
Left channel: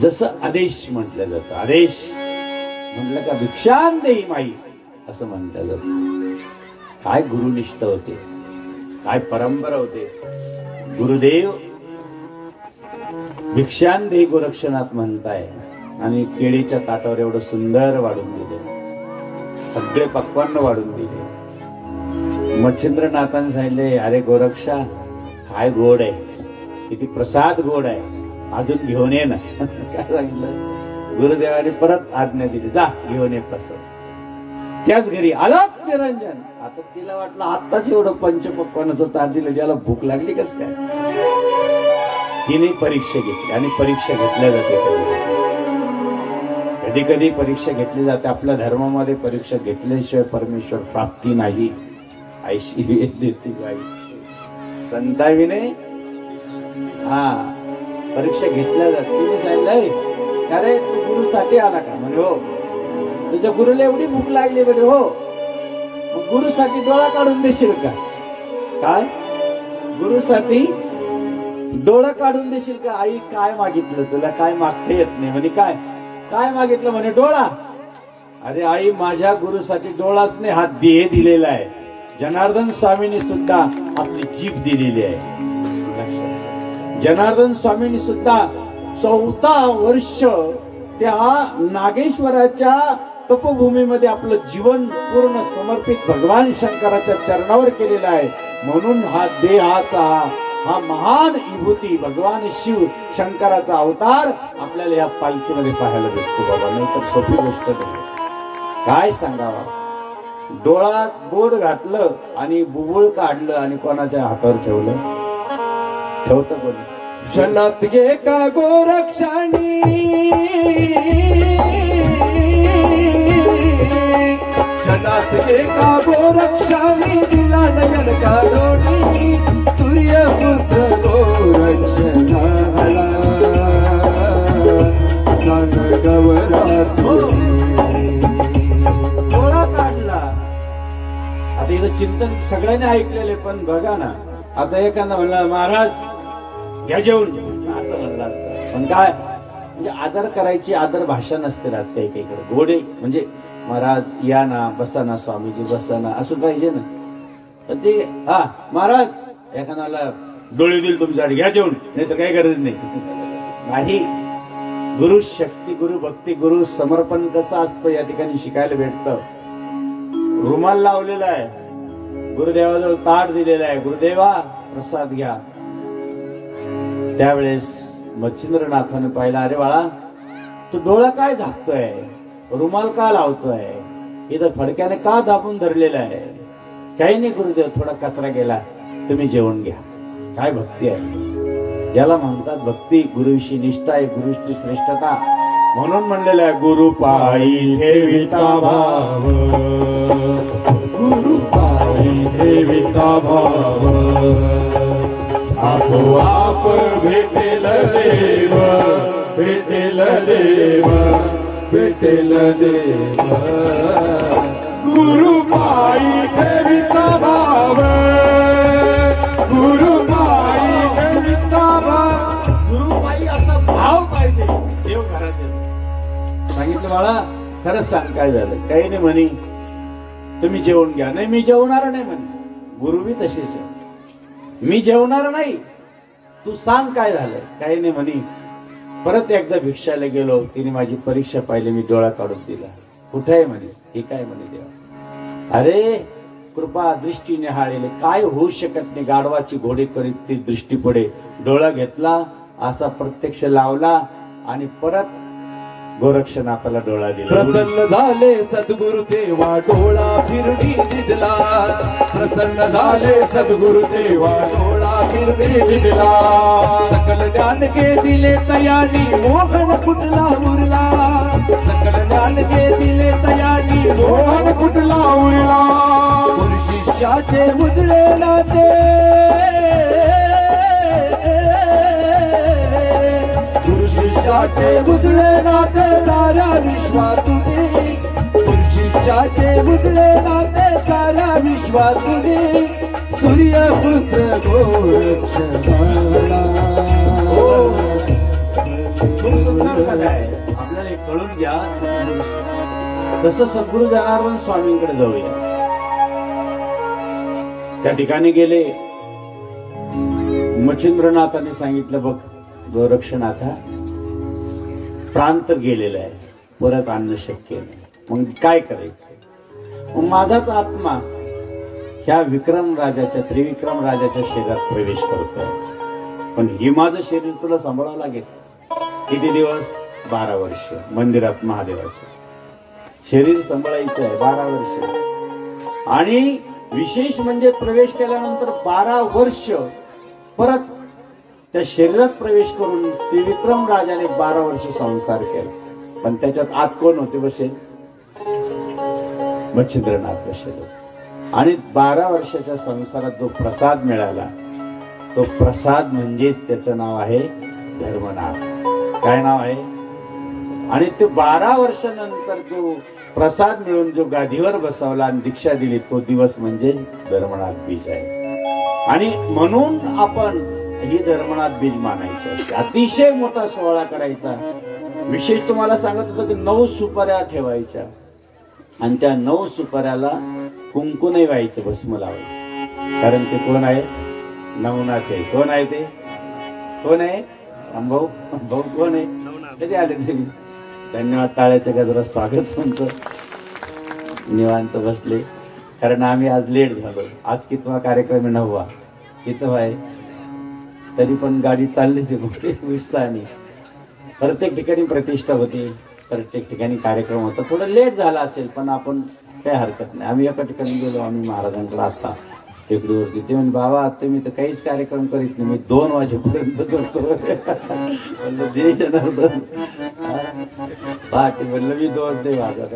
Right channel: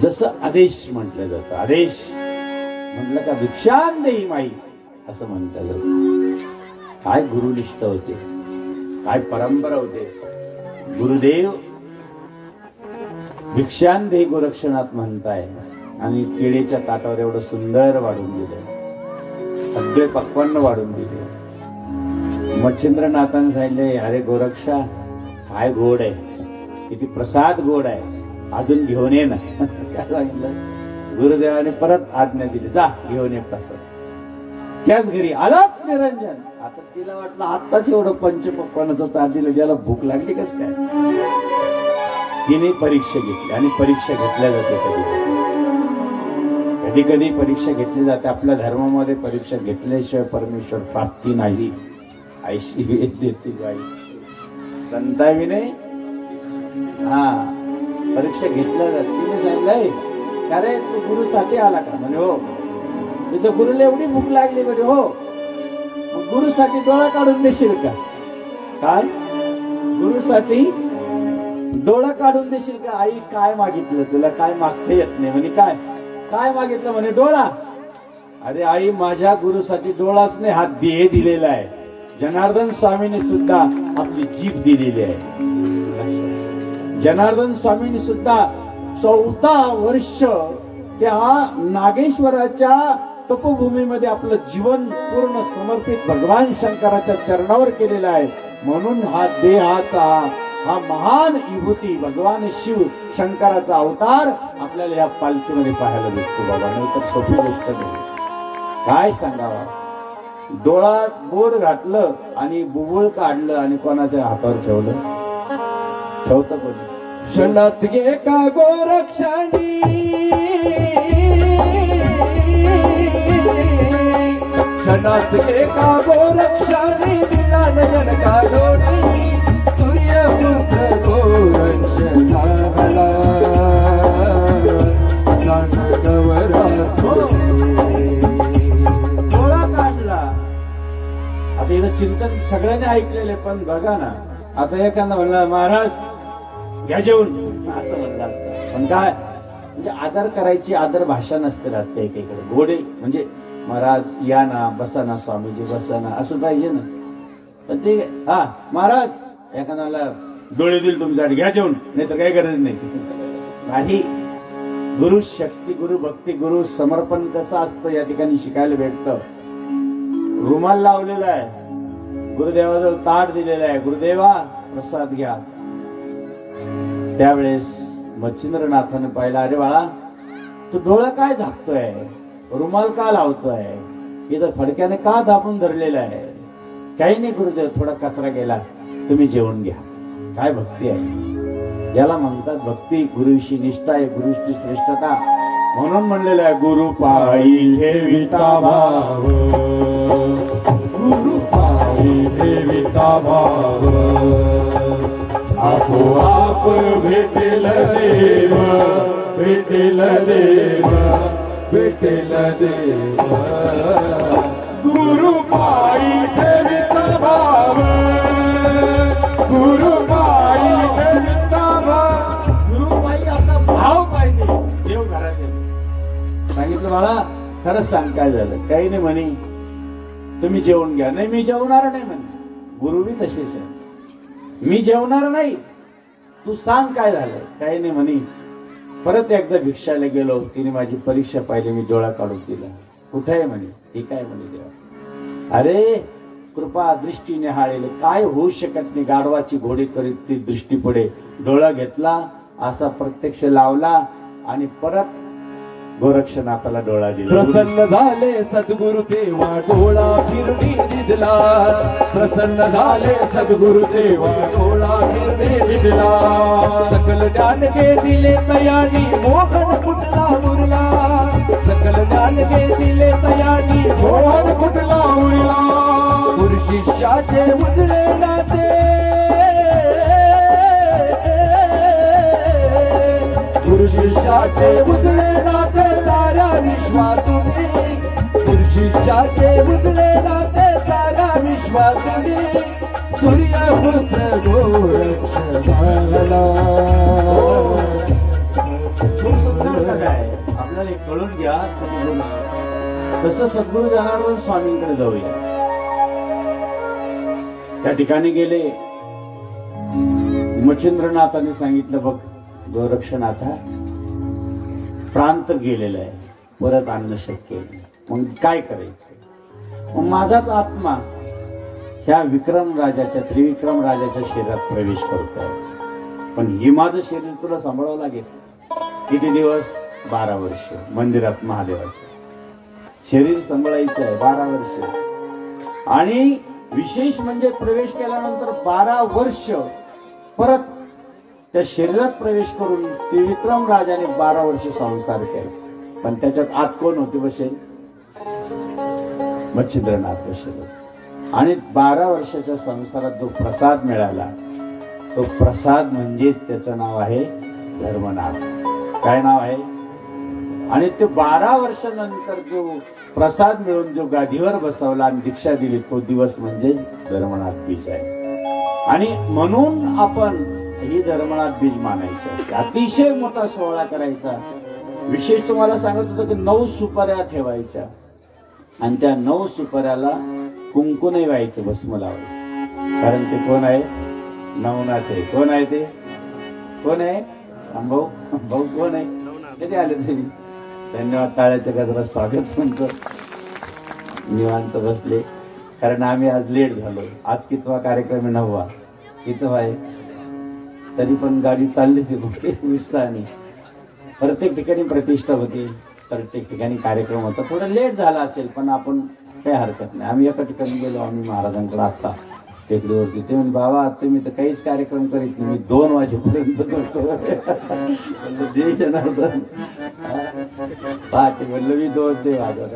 जसं आदेश म्हटलं जातं, आदेश म्हटलं का भिक्षान देई माई असं म्हटलं जातं. काय गुरुनिष्ठ होते, काय परंपरा होते. गुरुदेव भिक्षान दे गोरक्षनाथ म्हणताय आणि केळीच्या ताटावर एवढं सुंदर वाढून दिलं, सगळे पक्वान्न वाढून दिले. मच्छिंद्रनाथांनी सांगितले, अरे गोरक्षा काय गोड आहे, किती प्रसाद गोड आहे, अजून घेऊन ये ना. काय सांगितलं? गुरुदेवाने परत आज्ञा दिली, जा घेऊन ये प्रसाद. त्याच घरी अलख निरंजन. आता तिला वाटलं आत्ताच एवढं पंचपक्वानाचं ताट दिलं, ज्याला भूक लागली कस काय. तिने परीक्षा घेतली आणि परीक्षा घेतल्या जाते. कधी कधी परीक्षा घेतली जाते. आपल्या धर्मामध्ये परीक्षा घेतल्याशिवाय परमेश्वर प्राप्ती नाही. ऐशी वेद देते बाई संताविने. हा परीक्षा घेतल्या जाते. तिने सांगितलंय, अरे तू गुरुसाठी आला का? म्हणे हो. तुझ्या गुरुला एवढी भूक लागली म्हणे हो. गुरुसाठी डोळा काढून देशील का? काय गुरुसाठी डोळा काढून देशील का? आई काय मागितलं तुला? काय मागता येत नाही म्हणे. काय काय मागितलं म्हणे? डोळा. अरे आई माझ्या गुरुसाठी डोळाच नाही, हा देह दिलेला आहे. जनार्दन स्वामींनी सुद्धा आपली जीभ दिलेली आहे. जनार्दन स्वामींनी सुद्धा 14 वर्ष त्या नागेश्वराच्या तपोभूमीमध्ये आपलं जीवन पूर्ण समर्पित भगवान शंकराच्या चरणावर केलेलं आहे. म्हणून हा देहाचा हा महान विभूती भगवान शिव शंकराचा अवतार आपल्याला या पालखीमध्ये पाहायला भेटतो बाबा. नाही तर सोपी गोष्ट नाही. काय सांगावं. डोळ्यात बोट घातलं आणि बुबुळ काढलं आणि कोणाच्या हातावर ठेवलं. ठेवतं कोणी? क्षणात गे का गोरक्षणी क्षणात गे का गोरक्षणी दिला नयन का गोडी सूर्यपुत्र गोरक्षणाला डोळा काढला. आता इथं चिंतन सगळ्यांनी ऐकलेले, पण बघा ना, आता एखादा म्हणलं महाराज घ्या जेवून असं म्हणलं असतं, पण काय म्हणजे आदर करायची आदर भाषा नसते राहत एकीकडे. गोडे म्हणजे महाराज या ना, बसा ना स्वामीजी, बसा ना, असं पाहिजे ना. पण ते हा महाराज एखाद्याला डोळे दिल तुमच्यासाठी घ्या जेवून, नाही तर काही गरज नाही. गुरु शक्ती, गुरु भक्ती, गुरु समर्पण कसं असतं या ठिकाणी शिकायला भेटतं. रुमाल लावलेला आहे, गुरुदेवाजवळ ताट दिलेला आहे, गुरुदेवा प्रसाद घ्या. त्यावेळेस मच्छिंद्रनाथाने पाहिला, अरे बाळा तू डोळा काय झाकतोय, रुमाल का लावतोय, इथं फडक्याने का दाबून धरलेला आहे. काही नाही गुरुदेव, थोडा कचरा गेला, तुम्ही जेवण घ्या. काय भक्ती आहे, याला म्हणतात भक्ती. गुरुविषयी निष्ठा आहे, गुरुची श्रेष्ठता. म्हणून म्हणलेलं आहे, गुरु पायी ठेविता भाव, गुरु पायी ठेविता भाव, आपोआप भेटेल देव, भेटेल देव, भेटेल देव. गुरु पायी ठेविता भाव, गुरु पायी ठेविता भाव. गुरु पायी असा भाव पाहिजे देव घरात. सांगितलं बाळा खरंच सांग काय झालं. काही नाही म्हणे, तुम्ही जेवून घ्या. नाही मी जेवणार नाही म्हणे. गुरुही तसेच आहे, मी जेवणार नाही, तू सांग काय झालंय. काही नाही म्हणे. परत एकदा भिक्षाला गेलो, तिने माझी परीक्षा पाहिली, मी डोळा काढून दिला. कुठे आहे म्हणे. हे काय म्हणे देवा. अरे कृपा दृष्टी निहाळेले, काय होऊ शकत नाही, गाढवाची घोडे करीत ती दृष्टी पडे. डोळा घेतला, असा प्रत्यक्ष लावला आणि परत गोरक्षनाथाला डोळा दिला. प्रसन्न झाले सद्गुरु तेव्हा डोळा फिरवी दिला. प्रसन्न झाले सद्गुरु तेव्हा डोळा फिरवी दिला. सकल ज्ञान के दिले तयारी, मोहन कुठला उरला. सकल ज्ञान के दिले तयारी, मोहन कुठला उरला. गुरु शिष्याचे उजळे नाते, गुरु शिष्याचे उजळे नाते सारा विश्वातुने. गुरु शिष्याचे उजळे नाते सारा विश्वातुने. सूर्यपुत्र गोरक्षणाला. आपल्याला एक कळून घ्या. तसं सद्गुरु जनार्दन स्वामींकडे जाऊया. त्या ठिकाणी गेले. मच्छिंद्रनाथाने सांगितलं, बघ गोरक्षनाथा प्रांत गेलेला आहे, परत आणणं शक्य नाही. मग काय करायचं. मग माझाच आत्मा ह्या विक्रम राजाच्या, त्रिविक्रम राजाच्या शरीरात प्रवेश करतोय, पण हे माझं शरीर तुला सांभाळावं लागेल. किती दिवस. 12 वर्ष मंदिरात महादेवाच्या शरीर सांभाळायचं आहे. 12 वर्ष. आणि विशेष म्हणजे प्रवेश केल्यानंतर 12 वर्ष परत त्या शरीरात प्रवेश करून त्रिविक्रम राजाने 12 वर्ष संसार केला. पण त्याच्यात आत कोण होते बसेल. मच्छिंद्रनाथ बसेल. आणि 12 वर्षाच्या संसारात जो प्रसाद मिळाला, तो प्रसाद म्हणजेच त्याचं नाव आहे धर्मनाथ. काय नाव आहे. आणि तो 12 वर्षानंतर जो प्रसाद मिळून जो गादीवर बसवला आणि दीक्षा दिली, तो दिवस म्हणजे धर्मनाथ बीज आहे. आणि म्हणून आपण ही धर्मनाथ बीज मानायची असते. अतिशय मोठा सोहळा करायचा. विशेष तुम्हाला सांगत होतो की 9 सुपाऱ्या ठेवायच्या आणि त्या 9 सुपाऱ्याला कुंकू नाही व्हायचे, भस्म लावायचे. कारण ते कोण आहे. नवनाथ आहे. कोण आहे ते. कोण आहे. भाऊ भाऊ कोण आहे. कधी आले तुम्ही. धन्यवाद. टाळ्याच्या गजरात स्वागत तुमचं. निवांत बसले, कारण आम्ही आज लेट झालो. आज कितवा कार्यक्रम आहे. 9वा. कितवा आहे. तरी पण गाडी चाललीच आहे उत्साहाने. प्रत्येक ठिकाणी प्रतिष्ठा होती, प्रत्येक ठिकाणी कार्यक्रम होता. थोडं लेट झाला असेल पण आपण काही हरकत नाही. आम्ही एका ठिकाणी गेलो, आम्ही महाराजांकडे आता टेकडीवरती. ते म्हणजे बाबा तुम्ही तर काहीच कार्यक्रम करीत नाही, मी 2 वाजेपर्यंत करतो. म्हणलं दे जनार्दन. पहाटे म्हणलं मी 2 ते वाजत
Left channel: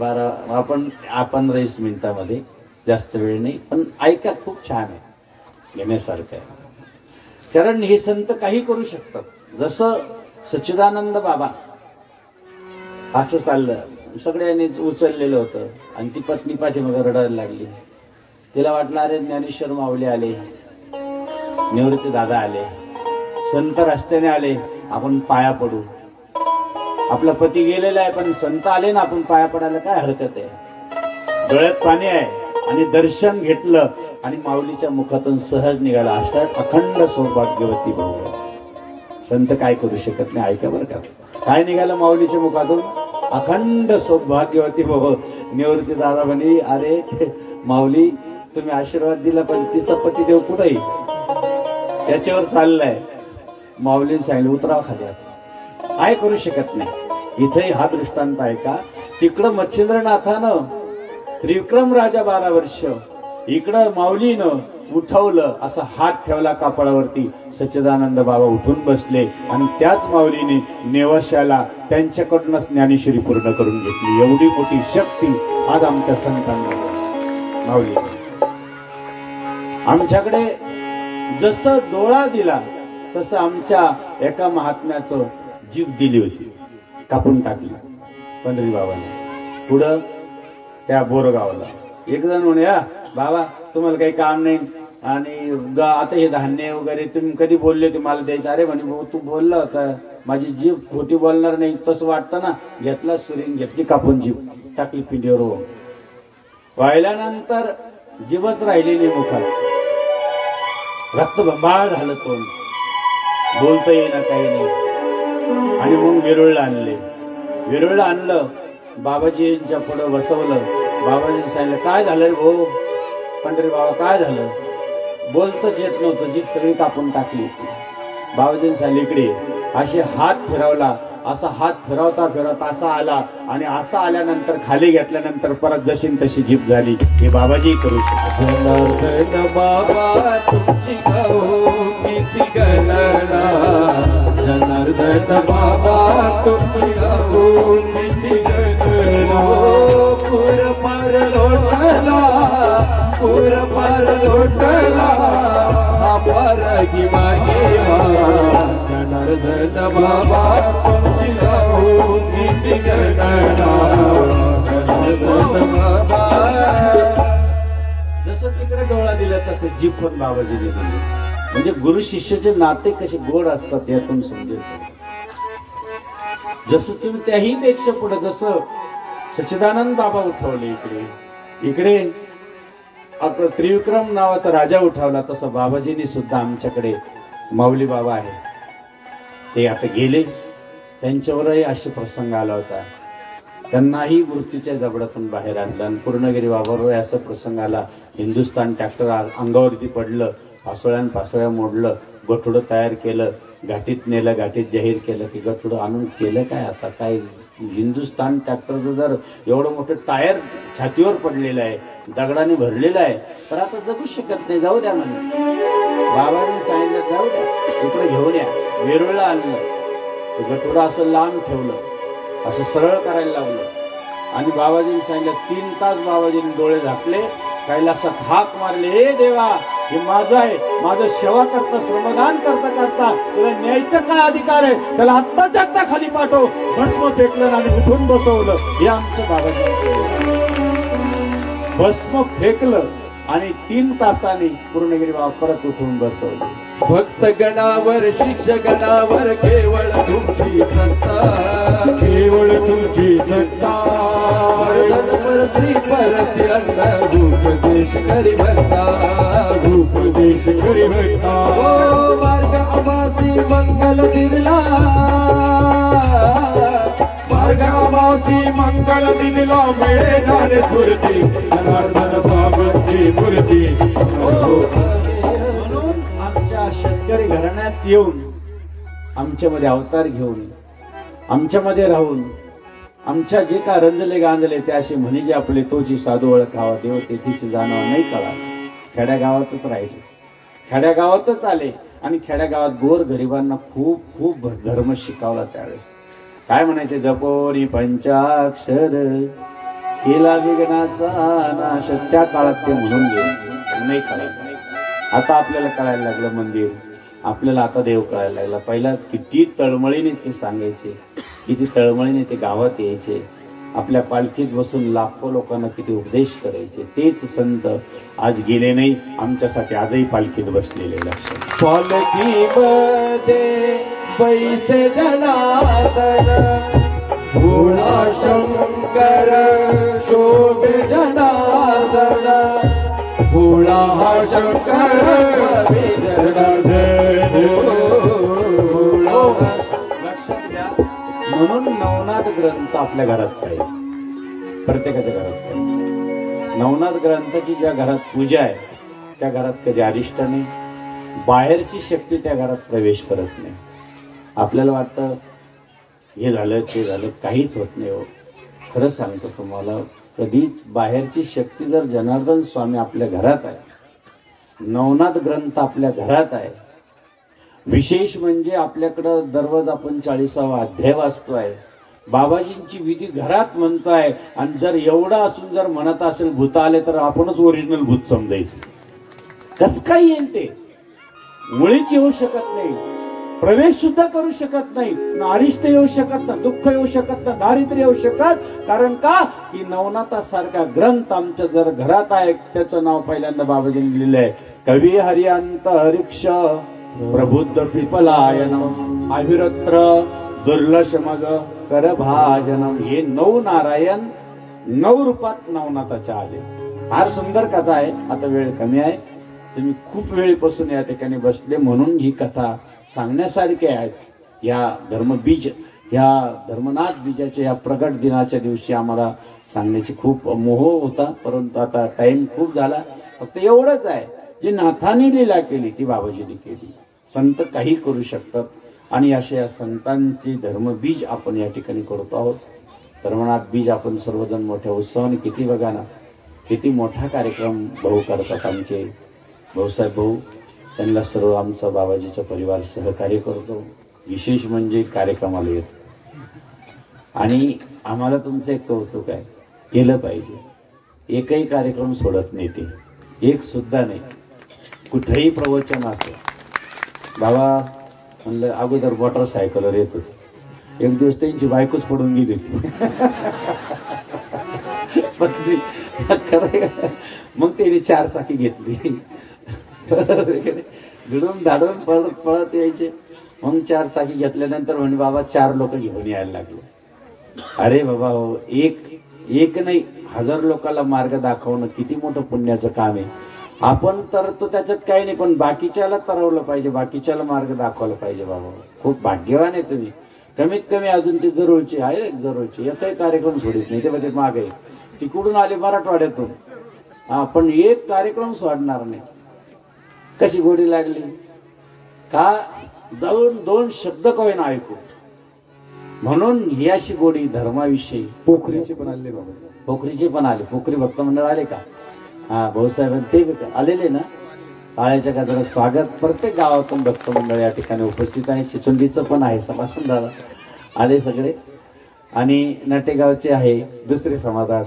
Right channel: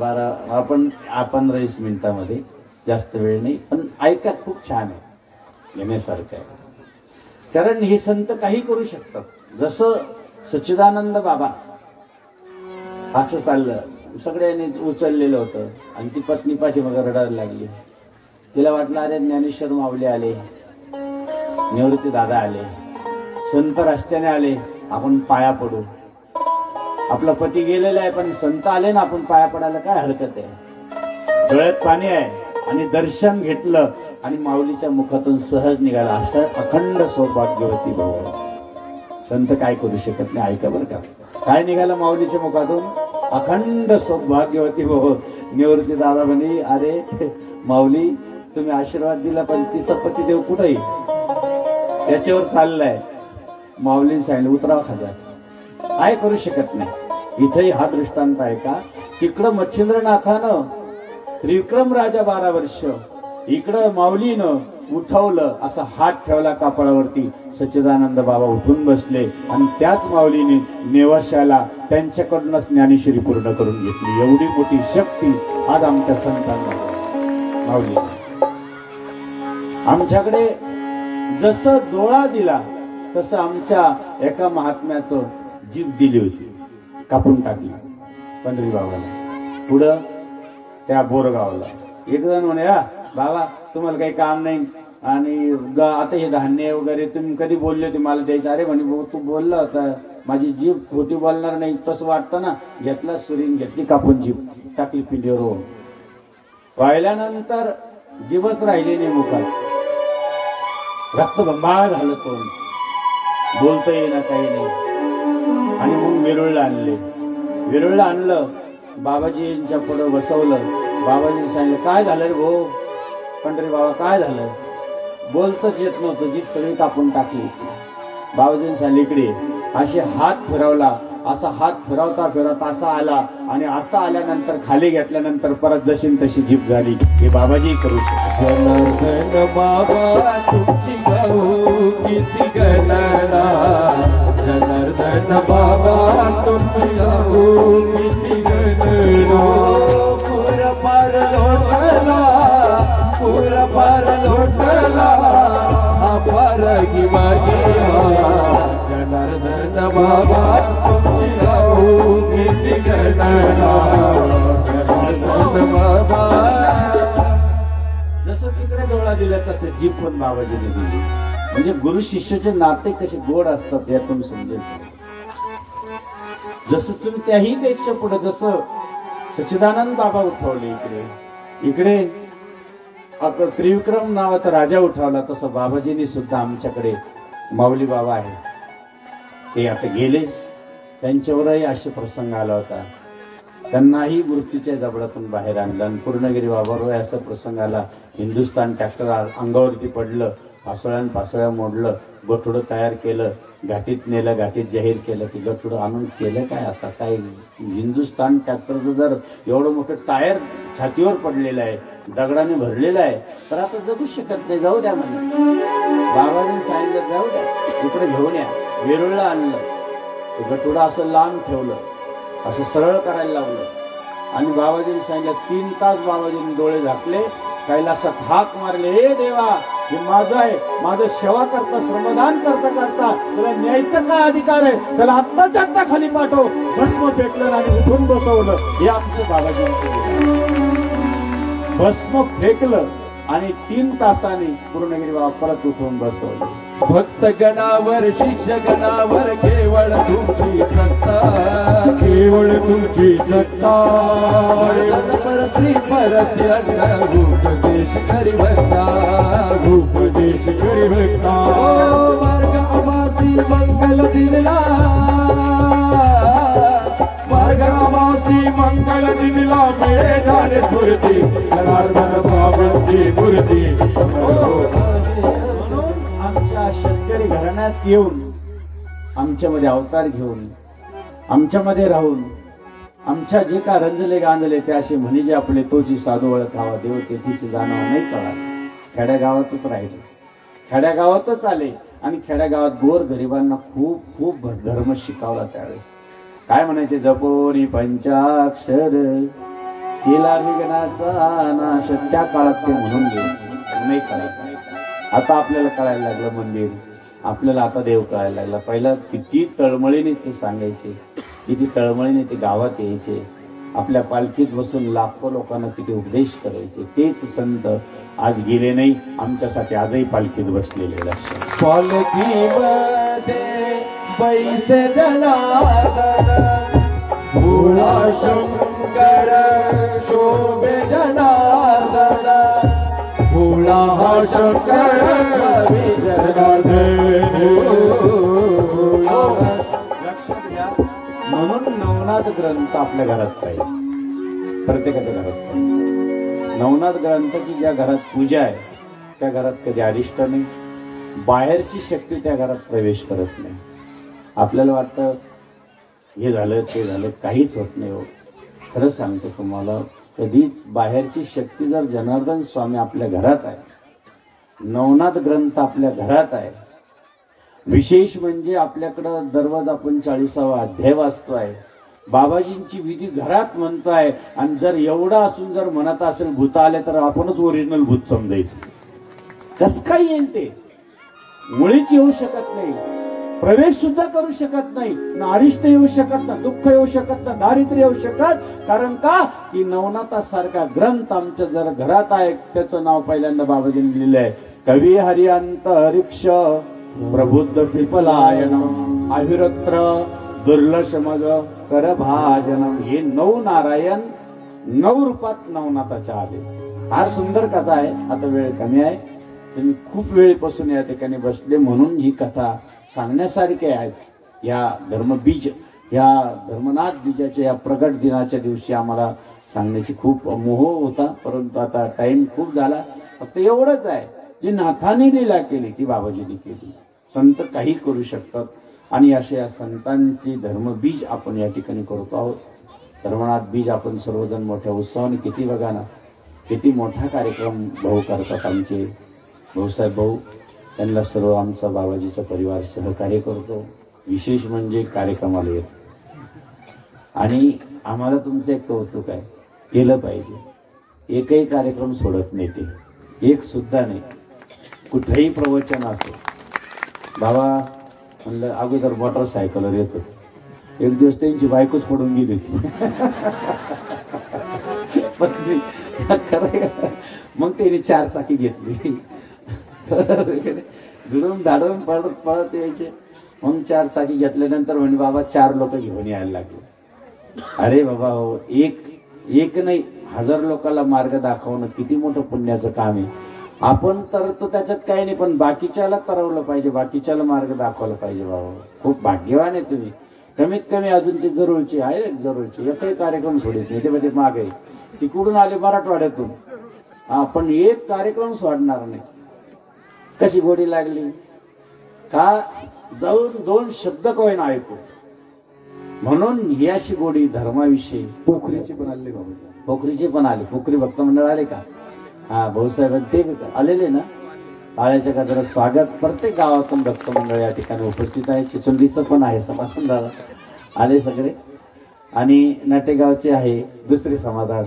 12 आपण 15-20 मिनिटामध्ये, जास्त वेळ नाही, पण ऐका खूप छान आहे, घेण्यासारखं आहे. कारण हे संत काही करू शकतात. जसं सच्चिदानंद बाबा असं चाललं, सगळ्यांनी उचललेलं होतं आणि ती पत्नी पाठीमागे रडायला लागली. तिला वाटलं अरे ज्ञानेश्वर माऊली आले, निवृत्ती दादा आले, संत रस्त्याने आले, आपण पाया पडू. आपला पती गेलेला आहे पण संत आले ना, आपण पाया पडायला काय हरकत आहे. डोळ्यात पाणी आहे आणि दर्शन घेतलं आणि माऊलीच्या मुखातून सहज निघाला. अशा अखंड सौभाग्यवती भाऊ. संत काय करू शकत नाही. ऐका बरं का, काय निघालं माऊलीच्या मुखातून? अखंड सौभाग्यवती भाऊ. निवृत्ती दादा म्हणे अरे माऊली तुम्ही आशीर्वाद दिला पण तिचा पतिदेव कुठेही त्याच्यावर चाललाय. माऊलीने सांगितलं उतराव खाली. काय करू शकत नाही. इथंही हा दृष्टांत आहे का? तिकडं मच्छिंद्रनाथानं त्रिविक्रम राजा 12 वर्ष, इकडं माऊलीनं उठवलं, असं हात ठेवला कपाळावरती. सच्चिदानंद बाबा उठून बसले आणि त्याच माऊलीने नेवाश्याला त्यांच्याकडूनच ज्ञानेश्वरी पूर्ण करून घेतली. एवढी मोठी शक्ती आज आमच्या संतांमध्ये माऊली. आमच्याकडे जसं डोळा दिला तसं आमच्या एका महात्म्याचं जीभ दिली होती, कापून टाकली पंढरी बाबाला. पुढं त्या बोरगावला एक जण म्हणे बाबा तुम्हाला काही काम नाही आणि आता हे धान्य वगैरे तुम्ही कधी बोलले होते मला द्यायचं. अरे म्हणे भाऊ तू बोलला होता, माझी जीभ खोटी बोलणार नाही तसं वाटतं ना. घेतला सुरीन, घेतली कापून जीभ, टाकली पिंडीवर. वाहिल्यानंतर जीभच राहिली नाही मुखात, रक्तबंबाळ झालं तोंड, बोलता येईना काही नाही. आणि मग वेरुळला आणले. वेरुळला आणलं, बाबाजींच्या पुढं बसवलं. बाबाजींनी सांगितलं काय झालं रे भाऊ? पंढरी बाबा काय झालं? बोलतच येत नव्हतं, जीभ सगळी कापून टाकली. बाबाजींनी सांगितलं इकडे. असे हात फिरवला, असा हात फिरवता फिरवता असा आला आणि असा आल्यानंतर खाली घेतल्यानंतर परत जशी तशी जीभ झाली. हे बाबाजी करू शकतात. जनार्दन बाबा तुमची गाऊ किती गणना, जनार्दन बाबा तुमची गाऊ किती गणना. पुरपार लोटला, पुरपार लोटला, अपार गिवा जनार्दन बाबा तुमची गाऊ किती गणना, जनार्दन बाबा. जसं तिकडे डोळा दिला तसे जीभ पण बाबाजीने दिली. म्हणजे गुरु शिष्याचे नाते कसे गोड असतात यातून समजेल. जसं तुम्ही त्याही पेक्षा पुढे जसं सच्चिदानंद बाबा उठवले इकडे, इकडे आपला त्रिविक्रम नावाचा राजा उठवला, तसं बाबाजींनी सुद्धा आमच्याकडे माऊली बाबा आहे ते आता गेले. त्यांच्यावरही असे प्रसंग आला होता, त्यांनाही मृत्यूच्या जबडातून बाहेर आणलं. आणि पूर्णगिरी बाबावर असा प्रसंग आला, हिंदुस्थान ट्रॅक्टर अंगावरती पडलं, पासोळ्या मोडलं, गठुडं तयार केलं, घाटीत नेलं, घाटीत जाहीर केलं की गठुडं आणून केलं काय आता. काय हिंदुस्थान ट्रॅक्टरचं जर एवढं मोठं टायर छातीवर पडलेलं आहे, दगडाने भरलेलं आहे, तर आता जगू शकत नाही, जाऊ द्या म्हणे. बाबांनी सांगितलं जाऊ द्या, इकडे घेऊन या. वेरुळला आणलं, गठुडं असं लांब ठेवलं, असं सरळ करायला लावलं आणि बाबाजींनी सांगितलं. 3 तास बाबाजींनी डोळे झाकले, कैलासात हाक मारले, हे देवा हे माझं आहे, माझं सेवा करता श्रमदान करता करता त्याला न्यायचं काय अधिकार आहे? त्याला आत्ताच्या आत्ता खाली पाठव. भस्म फेकलं आणि उठून बसवलं. हे आमचं बाबाजी. भस्म फेकलं आणि 3 तासांनी पूर्णगिरी बाबा परत उठून बसवले. भक्त गणावर शिष्य गणावर केवळ तुमची सत्ता, केवळ तुमची सत्ता. श्री परत भूपदेश करी भक्ता, भूपदेश करी भक्ता. ओ मार्गमासी मंगल दिनला, मार्गमासी मंगल दिनला मिळे झाले स्फूर्ती, जनार्दन स्वामींची मूर्ती. आमच्या शेतकरी घराण्यात येऊन, आमच्यामध्ये अवतार घेऊन, आमच्यामध्ये राहून, आमच्या जे काय रंजले गांजले ते असे म्हणे जे आपले तोची साधू ओळखावा, देव तेथीची जाणवा नाही कळा. खेड्यागावातच राहिले, खेड्यागावातच आले आणि खेड्यागावात गोर गरिबांना खूप खूप धर्म शिकवला. त्यावेळेस काय म्हणायचे, जपोरी पंचाक्षर केला विघ्नाचा नाश. त्या काळात ते म्हणून गेले, नाही करायचं. आता आपल्याला कळायला लागलं मंदिर, आपल्याला आता देव कळायला लागला. पहिला किती तळमळीने ते सांगायचे, किती तळमळीने ते गावात यायचे, आपल्या पालखीत बसून लाखो लोकांना किती उपदेश करायचे. तेच संत आज गेले नाही, आमच्यासाठी आजही पालखीत बसलेले. लक्षात पालखीमध्ये पैसे जनार्दन भोळा शंकर शोभे जनार्दन भोळा हा शंकर स्वामी जनार्दन. लक्षात घ्या. म्हणून नवनाथ ग्रंथ आपल्या घरात पाहिजे, प्रत्येकाच्या घरात पाहिजे. नवनाथ ग्रंथाची ज्या घरात पूजा आहे त्या घरात कधी अरिष्ट नाही, बाहेरची शक्ती त्या घरात प्रवेश करत नाही. आपल्याला वाटतं हे झालं ते झालं, काहीच होत नाही. हो, खरं सांगतो तुम्हाला, कधीच बाहेरची शक्ती जर जनार्दन स्वामी आपल्या घरात आहे, नवनाथ ग्रंथ आपल्या घरात आहे, विशेष म्हणजे आपल्याकडं दररोज आपण 40वा अध्याय वाचतोय, बाबाजींची विधी घरात म्हणतोय. आणि जर एवढं असून जर म्हणत असेल भूत आले तर आपणच ओरिजिनल भूत समजायचं. कस काय येईल ते? मुळीच येऊ शकत नाही, प्रवेश सुद्धा करू शकत नाही, अरिष्ट येऊ शकत ना, दुःख येऊ शकत ना, दारिद्र्य येऊ शकत. कारण का की नवनाथासारखा ग्रंथ आमच्या जर घरात आहे. त्याचं नाव पहिल्यांदा बाबाजींनी लिहिलंय, कवी हरिअंत हरिक्ष प्रबुद्ध पिपलायनम अभिरत्र दुर्लशमग कर भाजनम. हे 9 नारायण 9 रूपात नवनाथाच्या आले. फार सुंदर कथा आहे. आता वेळ कमी आहे, तुम्ही खूप वेळेपासून या ठिकाणी बसले म्हणून ही कथा सांगण्यासारखी आहे. या धर्मबीज, या धर्मनाथ बीजाच्या या प्रगट दिनाच्या दिवशी आम्हाला सांगण्याची खूप मोह होता, परंतु आता टाइम खूप झाला. फक्त एवढंच आहे, जी नाथाने लीला केली ती बाबाजीने केली. संत काही करू शकतात आणि अशा संतांची धर्मबीज आपण या ठिकाणी करतो आहोत. धर्मनाथ बीज आपण सर्वजण मोठ्या उत्साहाने, किती बघा ना, किती मोठा कार्यक्रम भाऊ करतात आमचे भाऊसाहेब भाऊ. त्यांना सर्व आमचा बाबाजीचा परिवार सहकार्य करतो. विशेष म्हणजे कार्यक्रमाला येतो आणि आम्हाला तुमचं एक कौतुक आहे, केलं पाहिजे. एकही कार्यक्रम सोडत नाही ते, एक सुद्धा नाही. कुठेही प्रवचन असो, बाबा म्हणलं अगोदर मोटरसायकलवर येत होते. एक दिवस त्यांची बायकोच पडून गेली मग त्यांनी 4 चाकी घेतली, भिडून धाडून पळत पळत यायचे. मग 4 चाकी घेतल्यानंतर म्हणे बाबा 4 लोक घेऊन यायला लागले. अरे बाबा हो, एक नाही 1000 लोकांना मार्ग दाखवणं किती मोठं पुण्याचं काम आहे. आपण तर तो त्याच्यात काही नाही, पण बाकीच्याला तरवलं पाहिजे, बाकीच्याला मार्ग दाखवला पाहिजे. बाबा खूप भाग्यवान आहे तुम्ही. कमीत कमी अजून ते जरूरची आहे, जरूरची एकही कार्यक्रम सोडत नाही. ते मागे तिकडून आले मराठवाड्यातून, पण एक कार्यक्रम सोडणार नाही. कशी गोडी लागली का, जाऊन 2 शब्द कोण ऐकू म्हणून ही अशी गोडी धर्माविषयी. पोखरीचे पण आले बाबा, पोखरीचे पण आले, पोखरी भक्त मंडळ आले का? हा भाऊसाहेब ते आलेले ना. टाळ्याच्या गजरात स्वागत. प्रत्येक गावातून भक्त मंडळ या ठिकाणी उपस्थित आहे. चिचुंडीचं पण आहे, सभासद आले सगळे, आणि नाटेगावचे आहे, दुसरे समाधान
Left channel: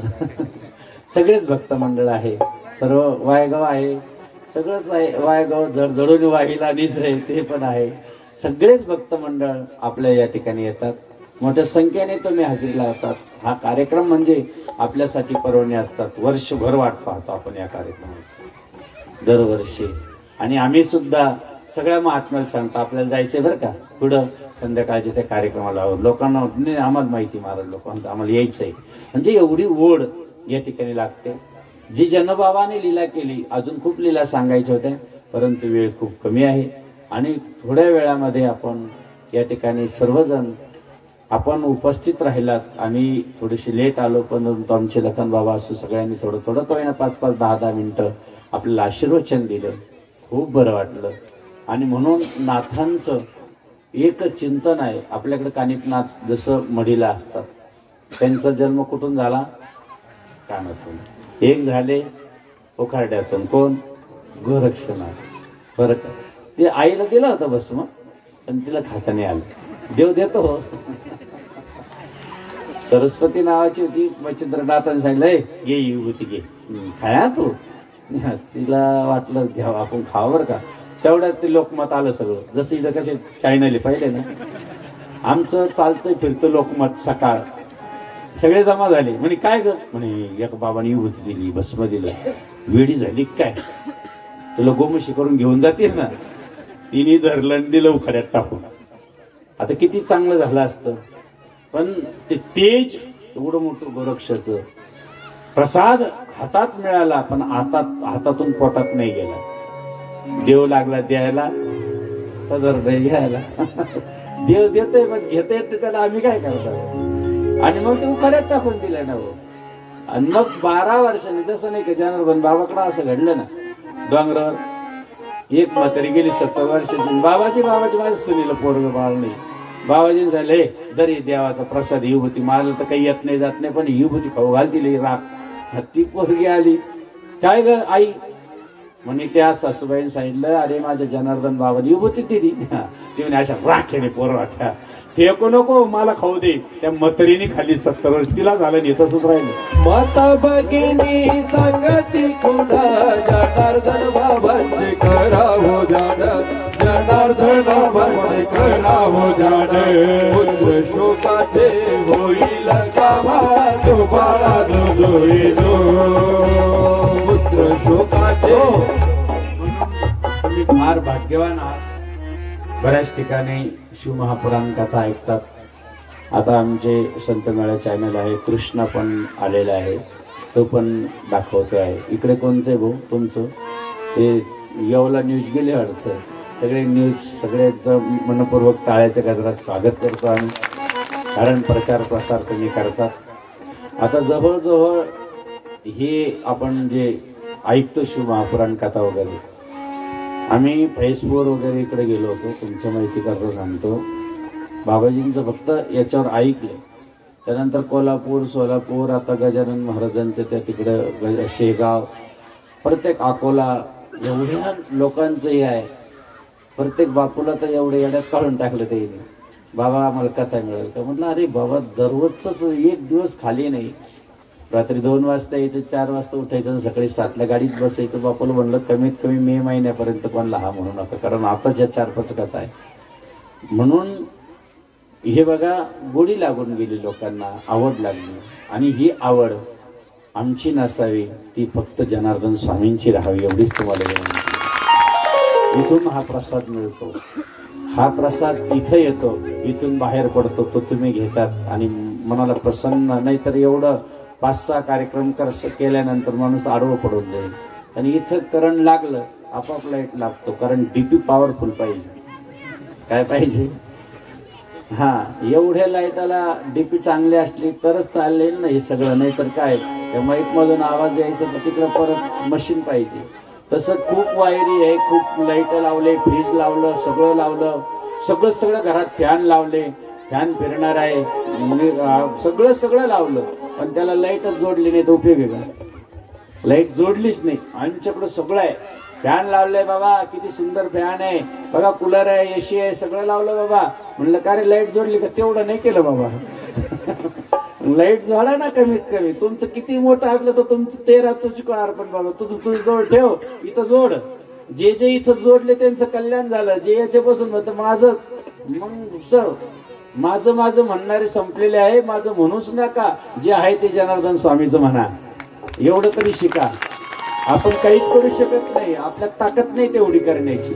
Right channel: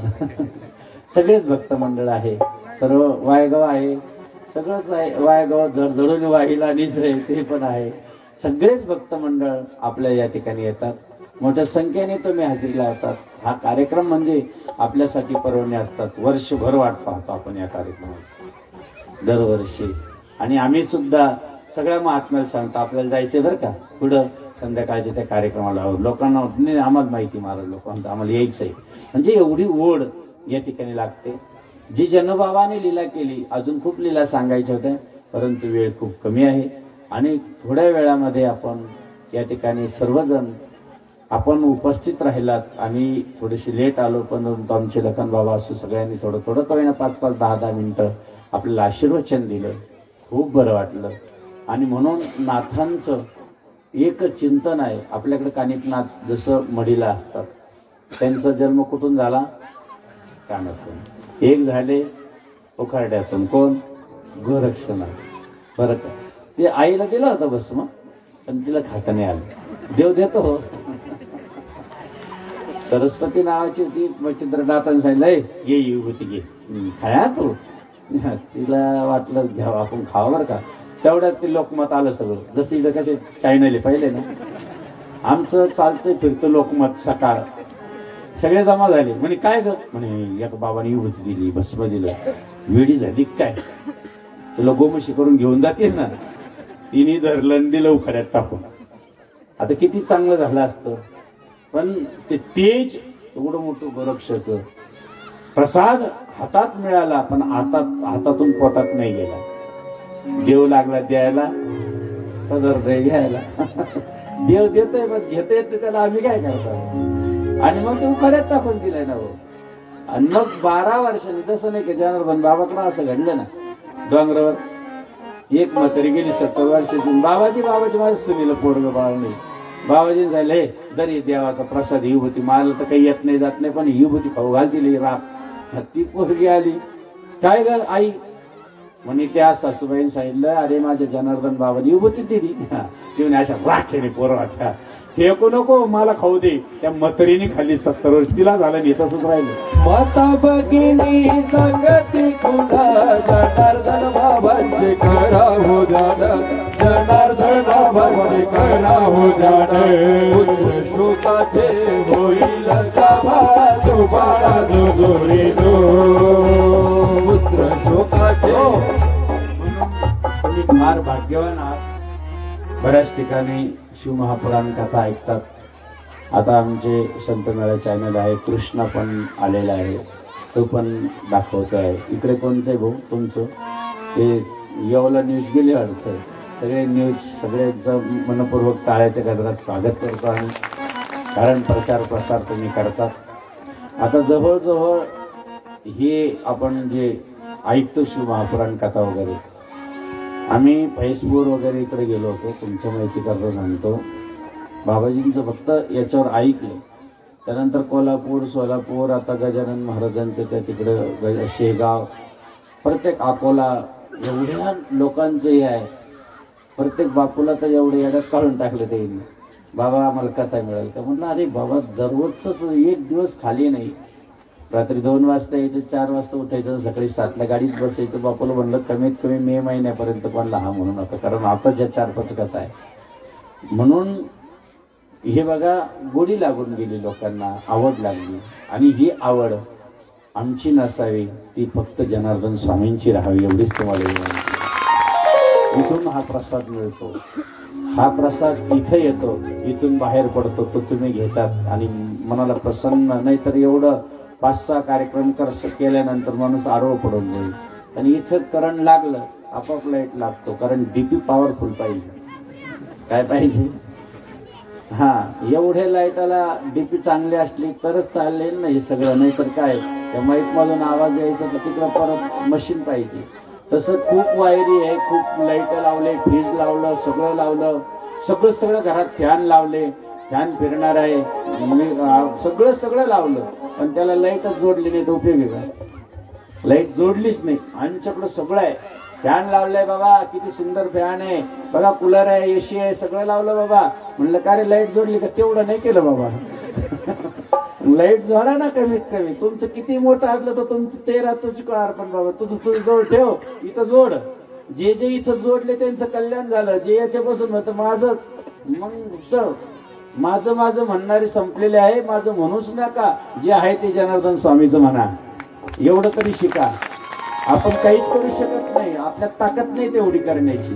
सगळेच भक्त मंडळ आहे. सर्व वायगाव आहे, सगळंच आहे. वायगाव जडजडून वाहिला नीच आहे, ते पण आहे. सगळेच भक्त मंडळ आपल्या या ठिकाणी येतात. मोठ्या संख्येने तुम्ही हजेरीला येतात. हा कार्यक्रम म्हणजे आपल्यासाठी पर्वणी असतात. वर्षभर वाट पाहतो आपण या कार्यक्रमाची दरवर्षी. आणि आम्ही सुद्धा सगळ्या महात्म्याला सांगतो आपल्याला जायचंय बरं का पुढं संध्याकाळच्या त्या कार्यक्रमाला. लोकांना आम्हाला माहिती, महाराज लोकांना आम्हाला यायचंय. म्हणजे एवढी ओढ या ठिकाणी लागते. जी जनबाबाने लीला केली, अजून खूप लीला सांगायच्या होत्या, परंतु वेळ खूप कमी आहे. आणि थोड्या वेळामध्ये आपण या ठिकाणी सर्वजण आपण उपस्थित राहिलात. आम्ही थोडीशी लेट आलो, परंतु आमचे लखन बाबा असू सगळ्यांनी थोडं थोडं का होईना 5-5, 10-10 मिनिटं आपल्याला आशीर्वचन दिलं. खूप बरं वाटलं. आणि म्हणून नाथांचं एक चिंतन आहे आपल्याकडे. कानिपनाथ जसं मढीला असतात, त्यांचा जन्म कुठून झाला? कानातून. एक झाले उखारड्यातून, कोण? गोरक्षण आहे बरं का. ते आईला दिला होता भस्म पण तिला खाता नाही आलं. देव देतो हो. सरस्वती नावाची होती मच्छिंद्रनाथांनी सांगितलं घे विभूती घे खाया तू. तिला वाटलं घ्यावं आपण खावं बरं का. तेवढ्यात ते लोकमत आलं सगळं. जसं इथं कसे चायनाले पाहिले ना आमचं चालतंय फिरतं लोकमत. सकाळ सगळे जमा झाले. म्हणे काय ग म्हणे एक बाबांनी विभूती दिली भस्म दिलं. वेडी झाली काय तुला गोमशी करून घेऊन जातील ना. तिने धरलं दिलं उखाड्यात टाकून. आता किती चांगलं झालं असतं पण ते तेज एवढं मोठं गोरक्षाचं प्रसाद हातात मिळाला पण हातातून पोटात नाही गेला. देव लागला द्यायला तर नाही घ्यायला. देव देतोय पण घेता येते त्याला आम्ही काय करतो. आणि मग ते उखाड्यात टाकून दिलाय ना भाऊ. आणि मग 12 वर्षांनी तसं नाही का जनार्दन बाबाकडं असं घडलं ना डोंगरावर एक म्हातारी गेली 70 वर्षाची. बाबाजी माझ्या सुनीला पोरग बाळ नाही. बाबाजी झालं हे दरी देवाचा प्रसाद ही होती मला तर काही येत नाही जात नाही पण ही होती खाऊ घाल दिली राख. ती पोरगी आली काय ग आई म्हणे त्या सासूबाईने सांगितलं अरे माझ्या जनार्दन बाबांनी विभूती दिली. ती म्हणे अशा राखेने पोरं होत्या फेकू नको मला खाऊ दे. त्या म्हातारीने खाली 70 वर्ष तिला झालं नाही तसंच राहिलं. माता भगिनी सांगती खुदा जनार्दन बाबांचे करा हो जाण. जनार्दन बाबांचे करा हो जाण. पुत्र शोकाचे होईल कामा तो बाळा जो पुत्र शोकाचे. तुम्ही फार भाग्यवान आहात. बऱ्याच ठिकाणी शिवमहापुराण कथा ऐकतात. आता आमचे संत मेळा चॅनल आहे कृष्णा पण आलेला आहे तो पण दाखवतो आहे. इकडे कोणचं भाऊ तुमचं ते येवला न्यूज गेले वाटतं. सगळे न्यूज सगळे मनपूर्वक टाळ्याच्या गजरात स्वागत करतो आणि कारण प्रचार प्रसार तुम्ही करतात. आता जवळजवळ हे आपण जे ऐकतो शिवमहापुराण कथा वगैरे आम्ही फैसबुक वगैरे इकडे गेलो होतो. तुमच्या माहिती करता सांगतो बाबाजींचं फक्त याच्यावर ऐकलं. त्यानंतर कोल्हापूर सोलापूर आता गजानन महाराजांचं त्या तिकडं शेगाव प्रत्येक अकोला एवढ्या लोकांचं हे आहे. प्रत्येक बापूला तर एवढे येड्यात काढून टाकलं ते बाबा आम्हाला कथा मिळेल का. म्हटलं अरे बाबा दररोजच एक दिवस खाली नाही. रात्री 2 वाजता यायचं 4 वाजता उठायचं सकाळी 7ला गाडीत बसायचं. बापाला म्हणलं कमीत कमी मे महिन्यापर्यंत कोणाला हा म्हणू नका कारण आताच या 4-5 कथा आहे. म्हणून हे बघा गोडी लागून गेली लोकांना आवड लागली आणि ही आवड आमची नसावी ती फक्त जनार्दन स्वामींची राहावी एवढीच तुम्हाला विनंती. इथून हा प्रसाद मिळतो. हा प्रसाद इथं येतो इथून बाहेर पडतो तो तुम्ही घेतात आणि मनाला प्रसन्न. नाही तर एवढं 5-6 कार्यक्रम केल्यानंतर माणूस आडवं पडून जाईल. आणि इथं करंट लागलं आपाप लाईट लागतो कारण डीपी पॉवरफुल पाहिजे. काय पाहिजे हा एवढ्या लाईटाला डीपी चांगली असली तरच चालेल ना हे सगळं. नाही तर काय त्या माईक मधून आवाज यायचा तर तिकडं परत मशीन पाहिजे. तसं खूप वायरी आहे खूप लाईट लावले फ्रीज लावलं सगळं लावलं सगळं घरात फॅन लावले फॅन फिरणार आहे सगळं लावलं पण त्याला लाईटच जोडली नाही तर उपयोग आहे का. लाईट जोडलीच नाही. आमच्याकडं सगळं आहे फॅन लावलंय बाबा किती सुंदर फॅन आहे बघा कूलर आहे एसी आहे सगळं लावलं बाबा. म्हणलं का रे लाईट जोडली का. तेवढं नाही केलं बाबा. लाईट जोडा ना कमीत कमी. तुमचं किती मोठं असलं तर तुमचं 13 तुझी कार पण बाबा तुझं जवळ ठेव इथं जोड. जे इथं जोडले त्यांचं कल्याण झालं. जे याच्यापासून होतं माझंच मग सर माझं म्हणणारे संपलेले आहे. माझं म्हणूच नका जे आहे ते जनार्दन स्वामीचं म्हणा. एवढं तरी शिका. आपण काहीच करू शकत नाही आपल्यात ताकद नाही तेवढी करण्याची.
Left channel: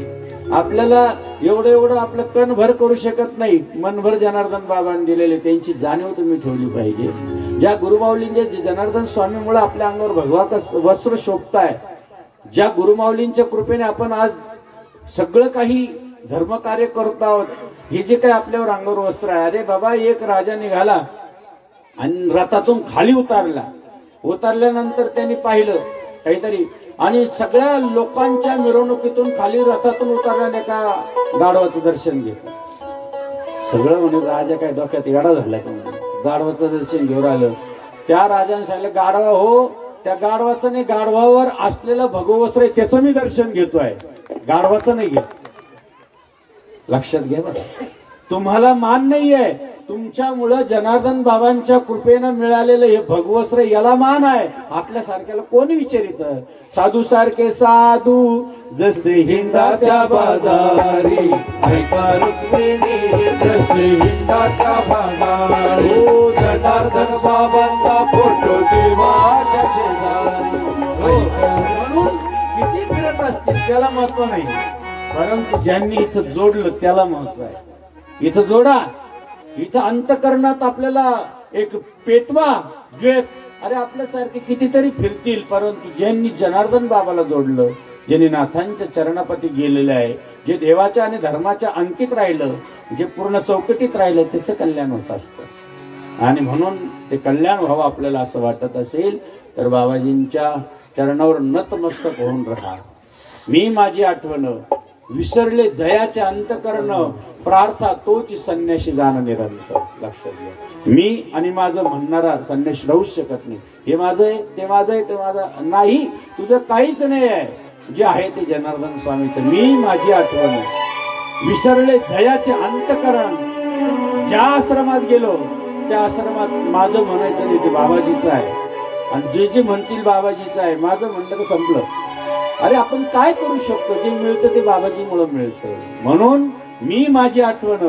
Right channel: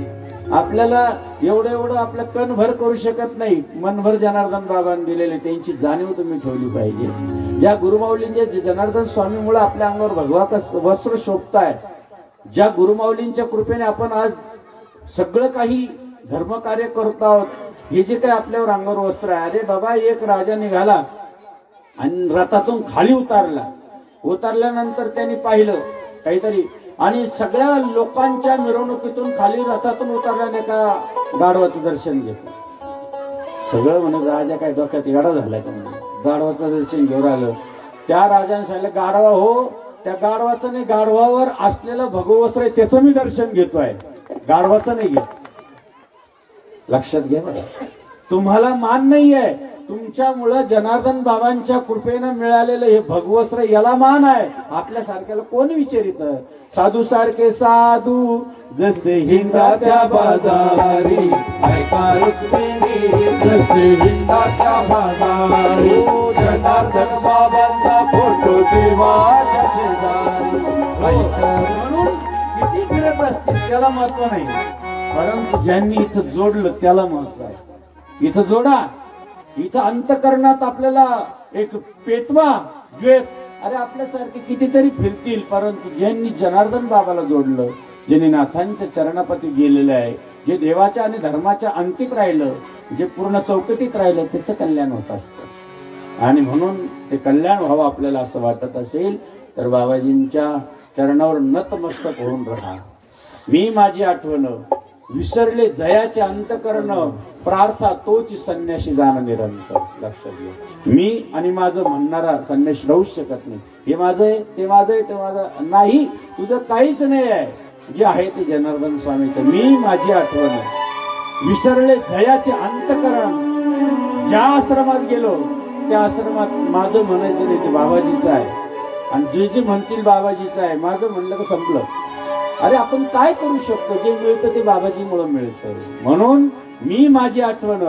आपल्याला एवढं आपलं कणभर करू शकत नाही. मनभर जनार्दन बाबांनी दिलेले त्यांची जाणीव तुम्ही ठेवली पाहिजे. ज्या गुरुमाऊलींचे जनार्दन स्वामीमुळे आपल्या अंगावर भगवा वस्त्र शोभताय ज्या गुरुमाऊलींच्या कृपेने आपण आज सगळं काही धर्मकार्य करत आहोत. हे जे काही आपल्यावर अंगावर वस्त्र आहे अरे बाबा एक राजा निघाला आणि रथातून खाली उतरल्यानंतर त्यांनी पाहिलं काहीतरी आणि सगळ्या लोकांच्या मिरवणुकीतून खाली रथातून उतरल्याने का गाढवाचं दर्शन घेतलं. सगळं म्हणे राजा काय डोक्यात येडा झाला का गाढवाचं दर्शन घेऊन आलं. त्या राजाने सांगितलं गाढवा हो त्या गाढवाचं नाही, गाढवावर असलेलं भगवस्त्र आहे त्याचं मी दर्शन घेतोय, गाढवाचं नाही घेत. लक्षात घ्या बरं. तुम्हाला मान नाहीये, तुमच्यामुळं जनार्दन बाबांच्या कृपेनं मिळालेलं हे भगवस्त्र याला मान आहे. आपल्यासारख्याला कोणी विचारित? साधू सारखे साधू जसे हिंडाच्या बाजारी, ऐका रुक्मिणी जसे हिंडाच्या बाजारी, जनार्दन बाबांचा फोटो देवाच्या शेजारी. म्हणून किती फिरत असतील त्याला महत्व नाही, परंतु ज्यांनी इथं जोडलं त्याला महत्व आहे. इथं जोडा, इथं अंतकरणात आपल्याला एक पेटवा द्वेत. अरे आपल्यासारखे कितीतरी फिरतील, परंतु ज्यांनी जनार्दन बाबाला जोडलं, ज्यांनी नाथांच्या चरणापाठी गेलेलं आहे, जे देवाच्या आणि धर्माच्या अंकित राहिलं, जे पूर्ण चौकटीत राहिलं, त्याचं कल्याण होत असतं. आणि म्हणून ते कल्याण व्हावं आपल्याला असं वाटत असेल तर बाबाजींच्या चरणावर नतमस्तक होऊन राहा. मी माझी आठवण विसरले जयाचे अंतकरण, प्रार्था तोच संन्याशी जाणं निरंतर. लक्षात घ्या, मी आणि माझं म्हणणारा संन्याशी राहूच शकत नाही. हे माझं आहे, ते माझं आहे, ते माझं नाही, तुझं काहीच नाही आहे. जे आहे ते जनार्दन स्वामीचं. मी माझी आठवण विसरले जयाचे अंतकरण. ज्या आश्रमात गेलो त्या आश्रमात माझं म्हणायचं नाही, ते बाबाजीचं आहे. आणि जे जे म्हणतील बाबाजीचं आहे, माझं म्हणलं की संपलं. अरे आपण काय करू शकतो? जे मिळतं ते बाबाजीमुळे मिळतं. म्हणून मी माझी आठवण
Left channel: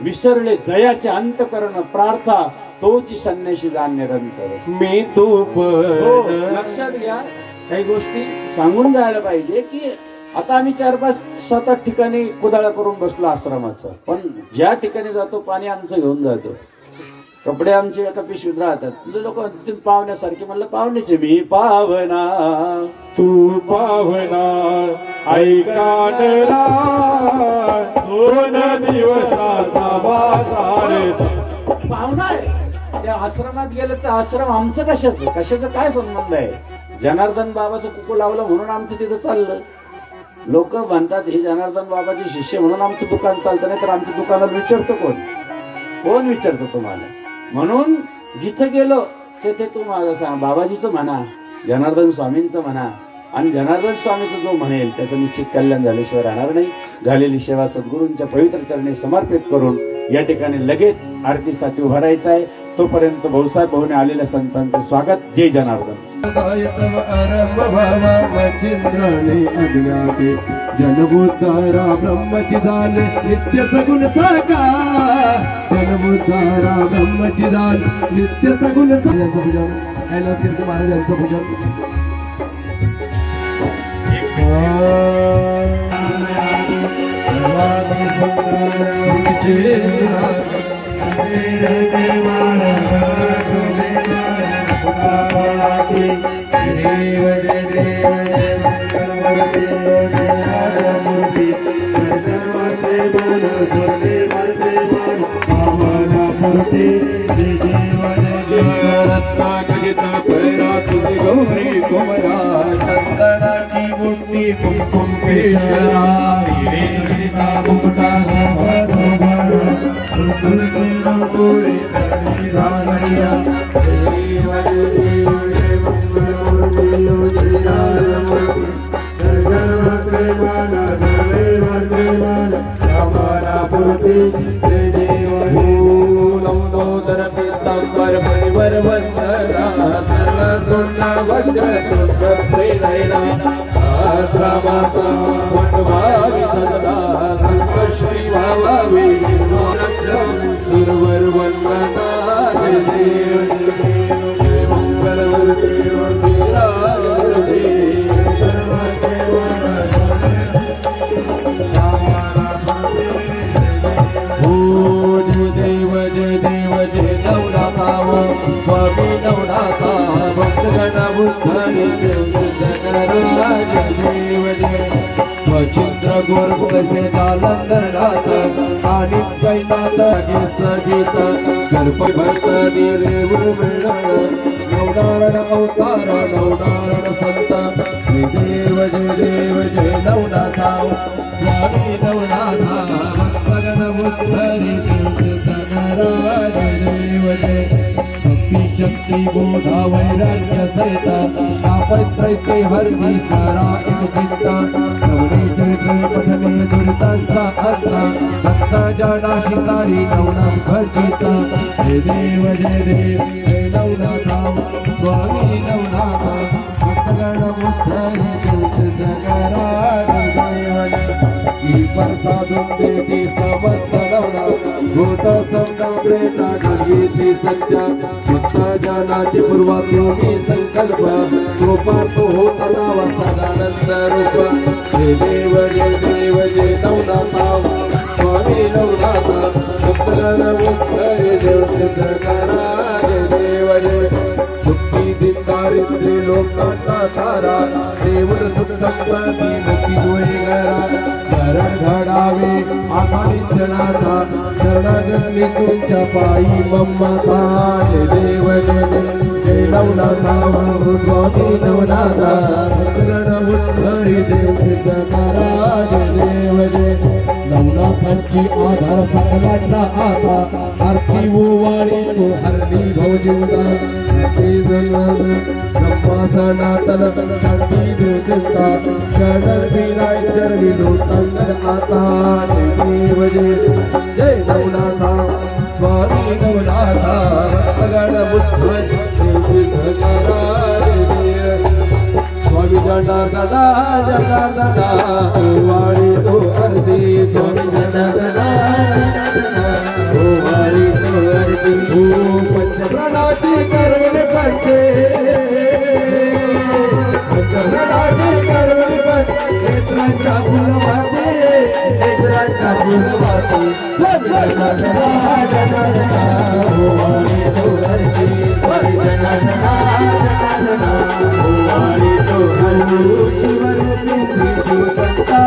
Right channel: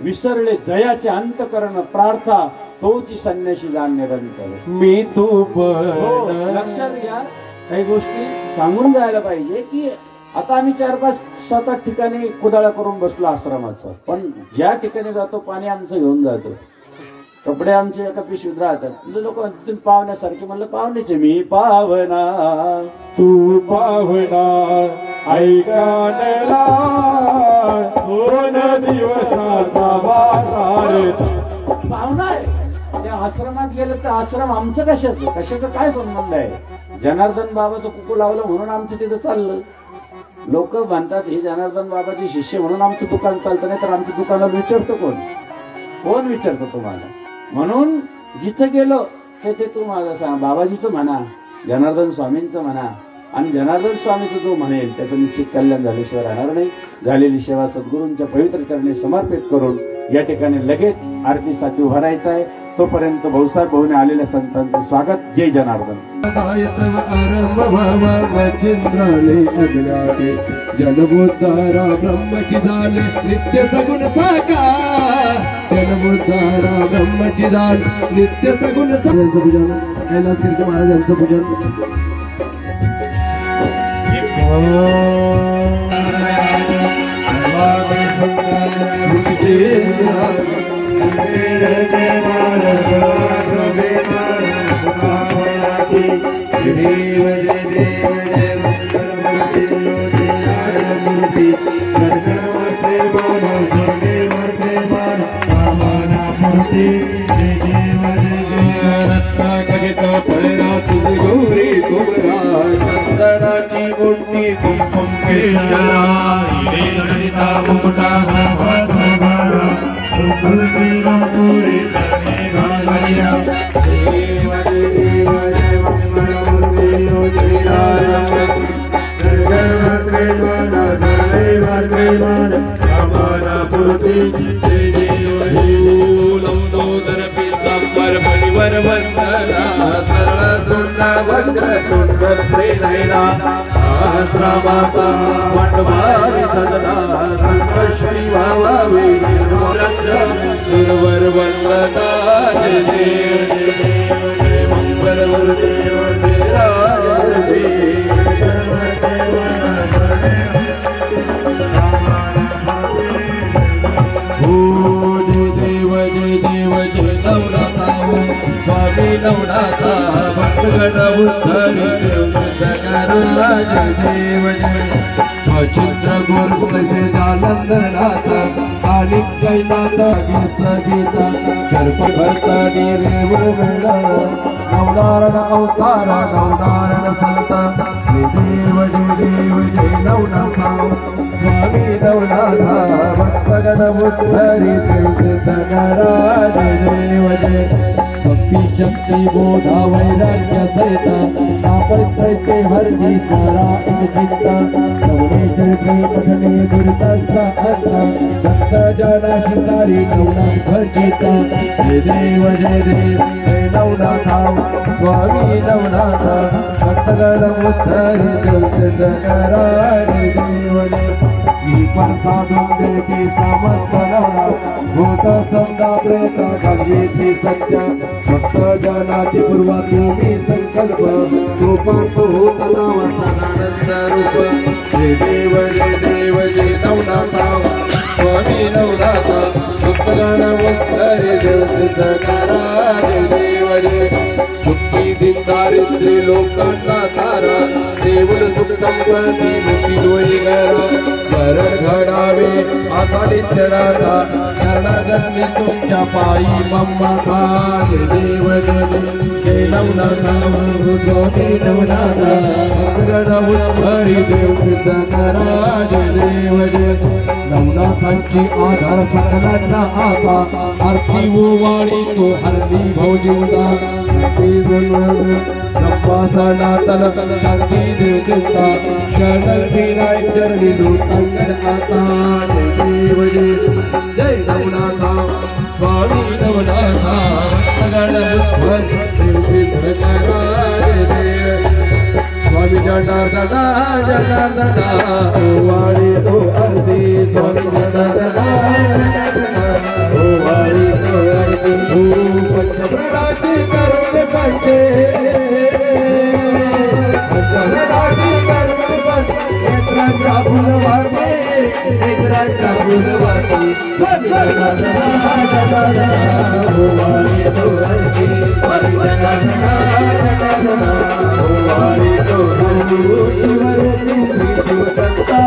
विसरले जयाचे अंतकरण, प्रार्था तोची संन्याशी जाण निरंतर. मी तू हो, लक्षात घ्या, काही गोष्टी सांगून जायला पाहिजे की आता आम्ही 4-5-7-8 ठिकाणी कुदाळा करून बसलो आश्रमाचं, पण ज्या ठिकाणी जातो पाणी आमचं घेऊन जातो, कपडे आमचे एका पिशवीत राहतात. लोक पाहुण्यासारखे. म्हणलं पाहुण्याचे मी पावना तू पावना ऐकानला दोन दिवसाचा बाजार. पाहुणा आहे त्या आश्रमात गेलं तर आश्रम आमचं कशाचं काय संबंध आहे? जनार्दन बाबाचं कुकू लावलं म्हणून आमचं तिथं चाललं. लोक म्हणतात हे जनार्दन बाबाचे शिष्य म्हणून आमचं दुकान चालतं, नाही तर आमचं दुकानात विचारतो कोण विचारतं तुम्हाला? म्हणून जिथं गेलो ते तू माझं सांग, बाबाजीचं म्हणा, जनार्दन स्वामींचं म्हणा, आणि जनार्दन स्वामीचं जो म्हणेल त्याचं निश्चित कल्याण झाल्याशिवाय राहणार नाही. झालेली सेवा सद्गुरूंच्या पवित्र चरणी समर्पित करून या ठिकाणी लगेच आरतीसाठी उभा राहायचं आहे. तोपर्यंत भाऊसाहेब भाऊने आलेल्या संतांचं स्वागत. जय जनार्दन. जनबुद्धारा ब्रह्मची झाले नित्य सगुण साकार, जनबुद्धारा ब्रह्मची झाले नित्य सगुण पूजन. कैलास कीर्ती महाराजांचं पूजन. गौरी कुमरा चंदनाची मुंडी कुंकुम पेशरा मुकुटा लंबोदर पीतांबर परिवर वंदना सरळ सुंदर वज्र तुंड प्रेरणा शास्त्रावाचा मंडपारी सदना संकश्री भावावी गुरुवर वंदना जय देव जय मंगल गुरुदेव जय राज गुरुदेव. स्वामी नवनाथा भक्तगण बुद्ध जय देव जय. वचिंद्र गुरु कसे जालंधरनाथ आणि कैनाथ गीत गर्भ भरतनी रेवण नवनारायण अवतार नवनारायण संत. जय देव जय नवनाथा स्वामी नवनाथा भक्तगण बुद्ध जय देव जय. रूपी शक्ती बोधा वैराग्य सहिता आपत्ते हरदी सारा एक चित्ता नवने चरित्र पठने दुरितांचा अर्था भक्त जना शिकारी नवनाथ खर्चिता जय देव हे नवनाथा स्वामी नवनाथ भक्तगण उद्धरी दर्शन करा देव पण साधून देती समस्त नवनाथ भूत समजा प्रेता घडवीती सत्य भक्त जनाची पूर्वा तुम्ही संकल्प कृपार्थ होत लावा सदानंद रूप जय देव जय नवनाथा स्वामी नवनाथा भक्तगण उद्धरी देव सिद्ध करा जय देव मुक्ती दिनदारिद्र्य लोकांना सारा देऊळ सुख संपत्ती मुक्ती दोई गरा स्मरण घडावे आघाडीतनाचा शरणागती तुमच्या पायी ममता जय देव जय नवनाथा स्वामी नवनाथा भक्तगण उद्धरी देव सिद्ध करा जय देव नवनाथांची आधार सकलांना आता आरती ओवाळी तो हरली भौजिवता शांती देवता चरण विराय चरणी लोकांतर आता देव जय नवनाथा स्वामी नवनाथा भक्तगण बुद्ध देव सिद्ध करा जय स्वामी जनार्दना ओवाळी तो अर्धी स्वामी जनार्दना ओवाळी तो अर्धी पंचप्रणाची कर्म करते पंचप्रणाची कर्म करते नेत्रांच्या फुलवाते नेत्रांच्या फुलवाते स्वामी जनार्दना ओवाळी तो अर्धी स्वामी जनार्दना ओवाळी तो अर्धी शिव संता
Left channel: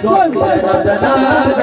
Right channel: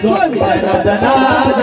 स्वामी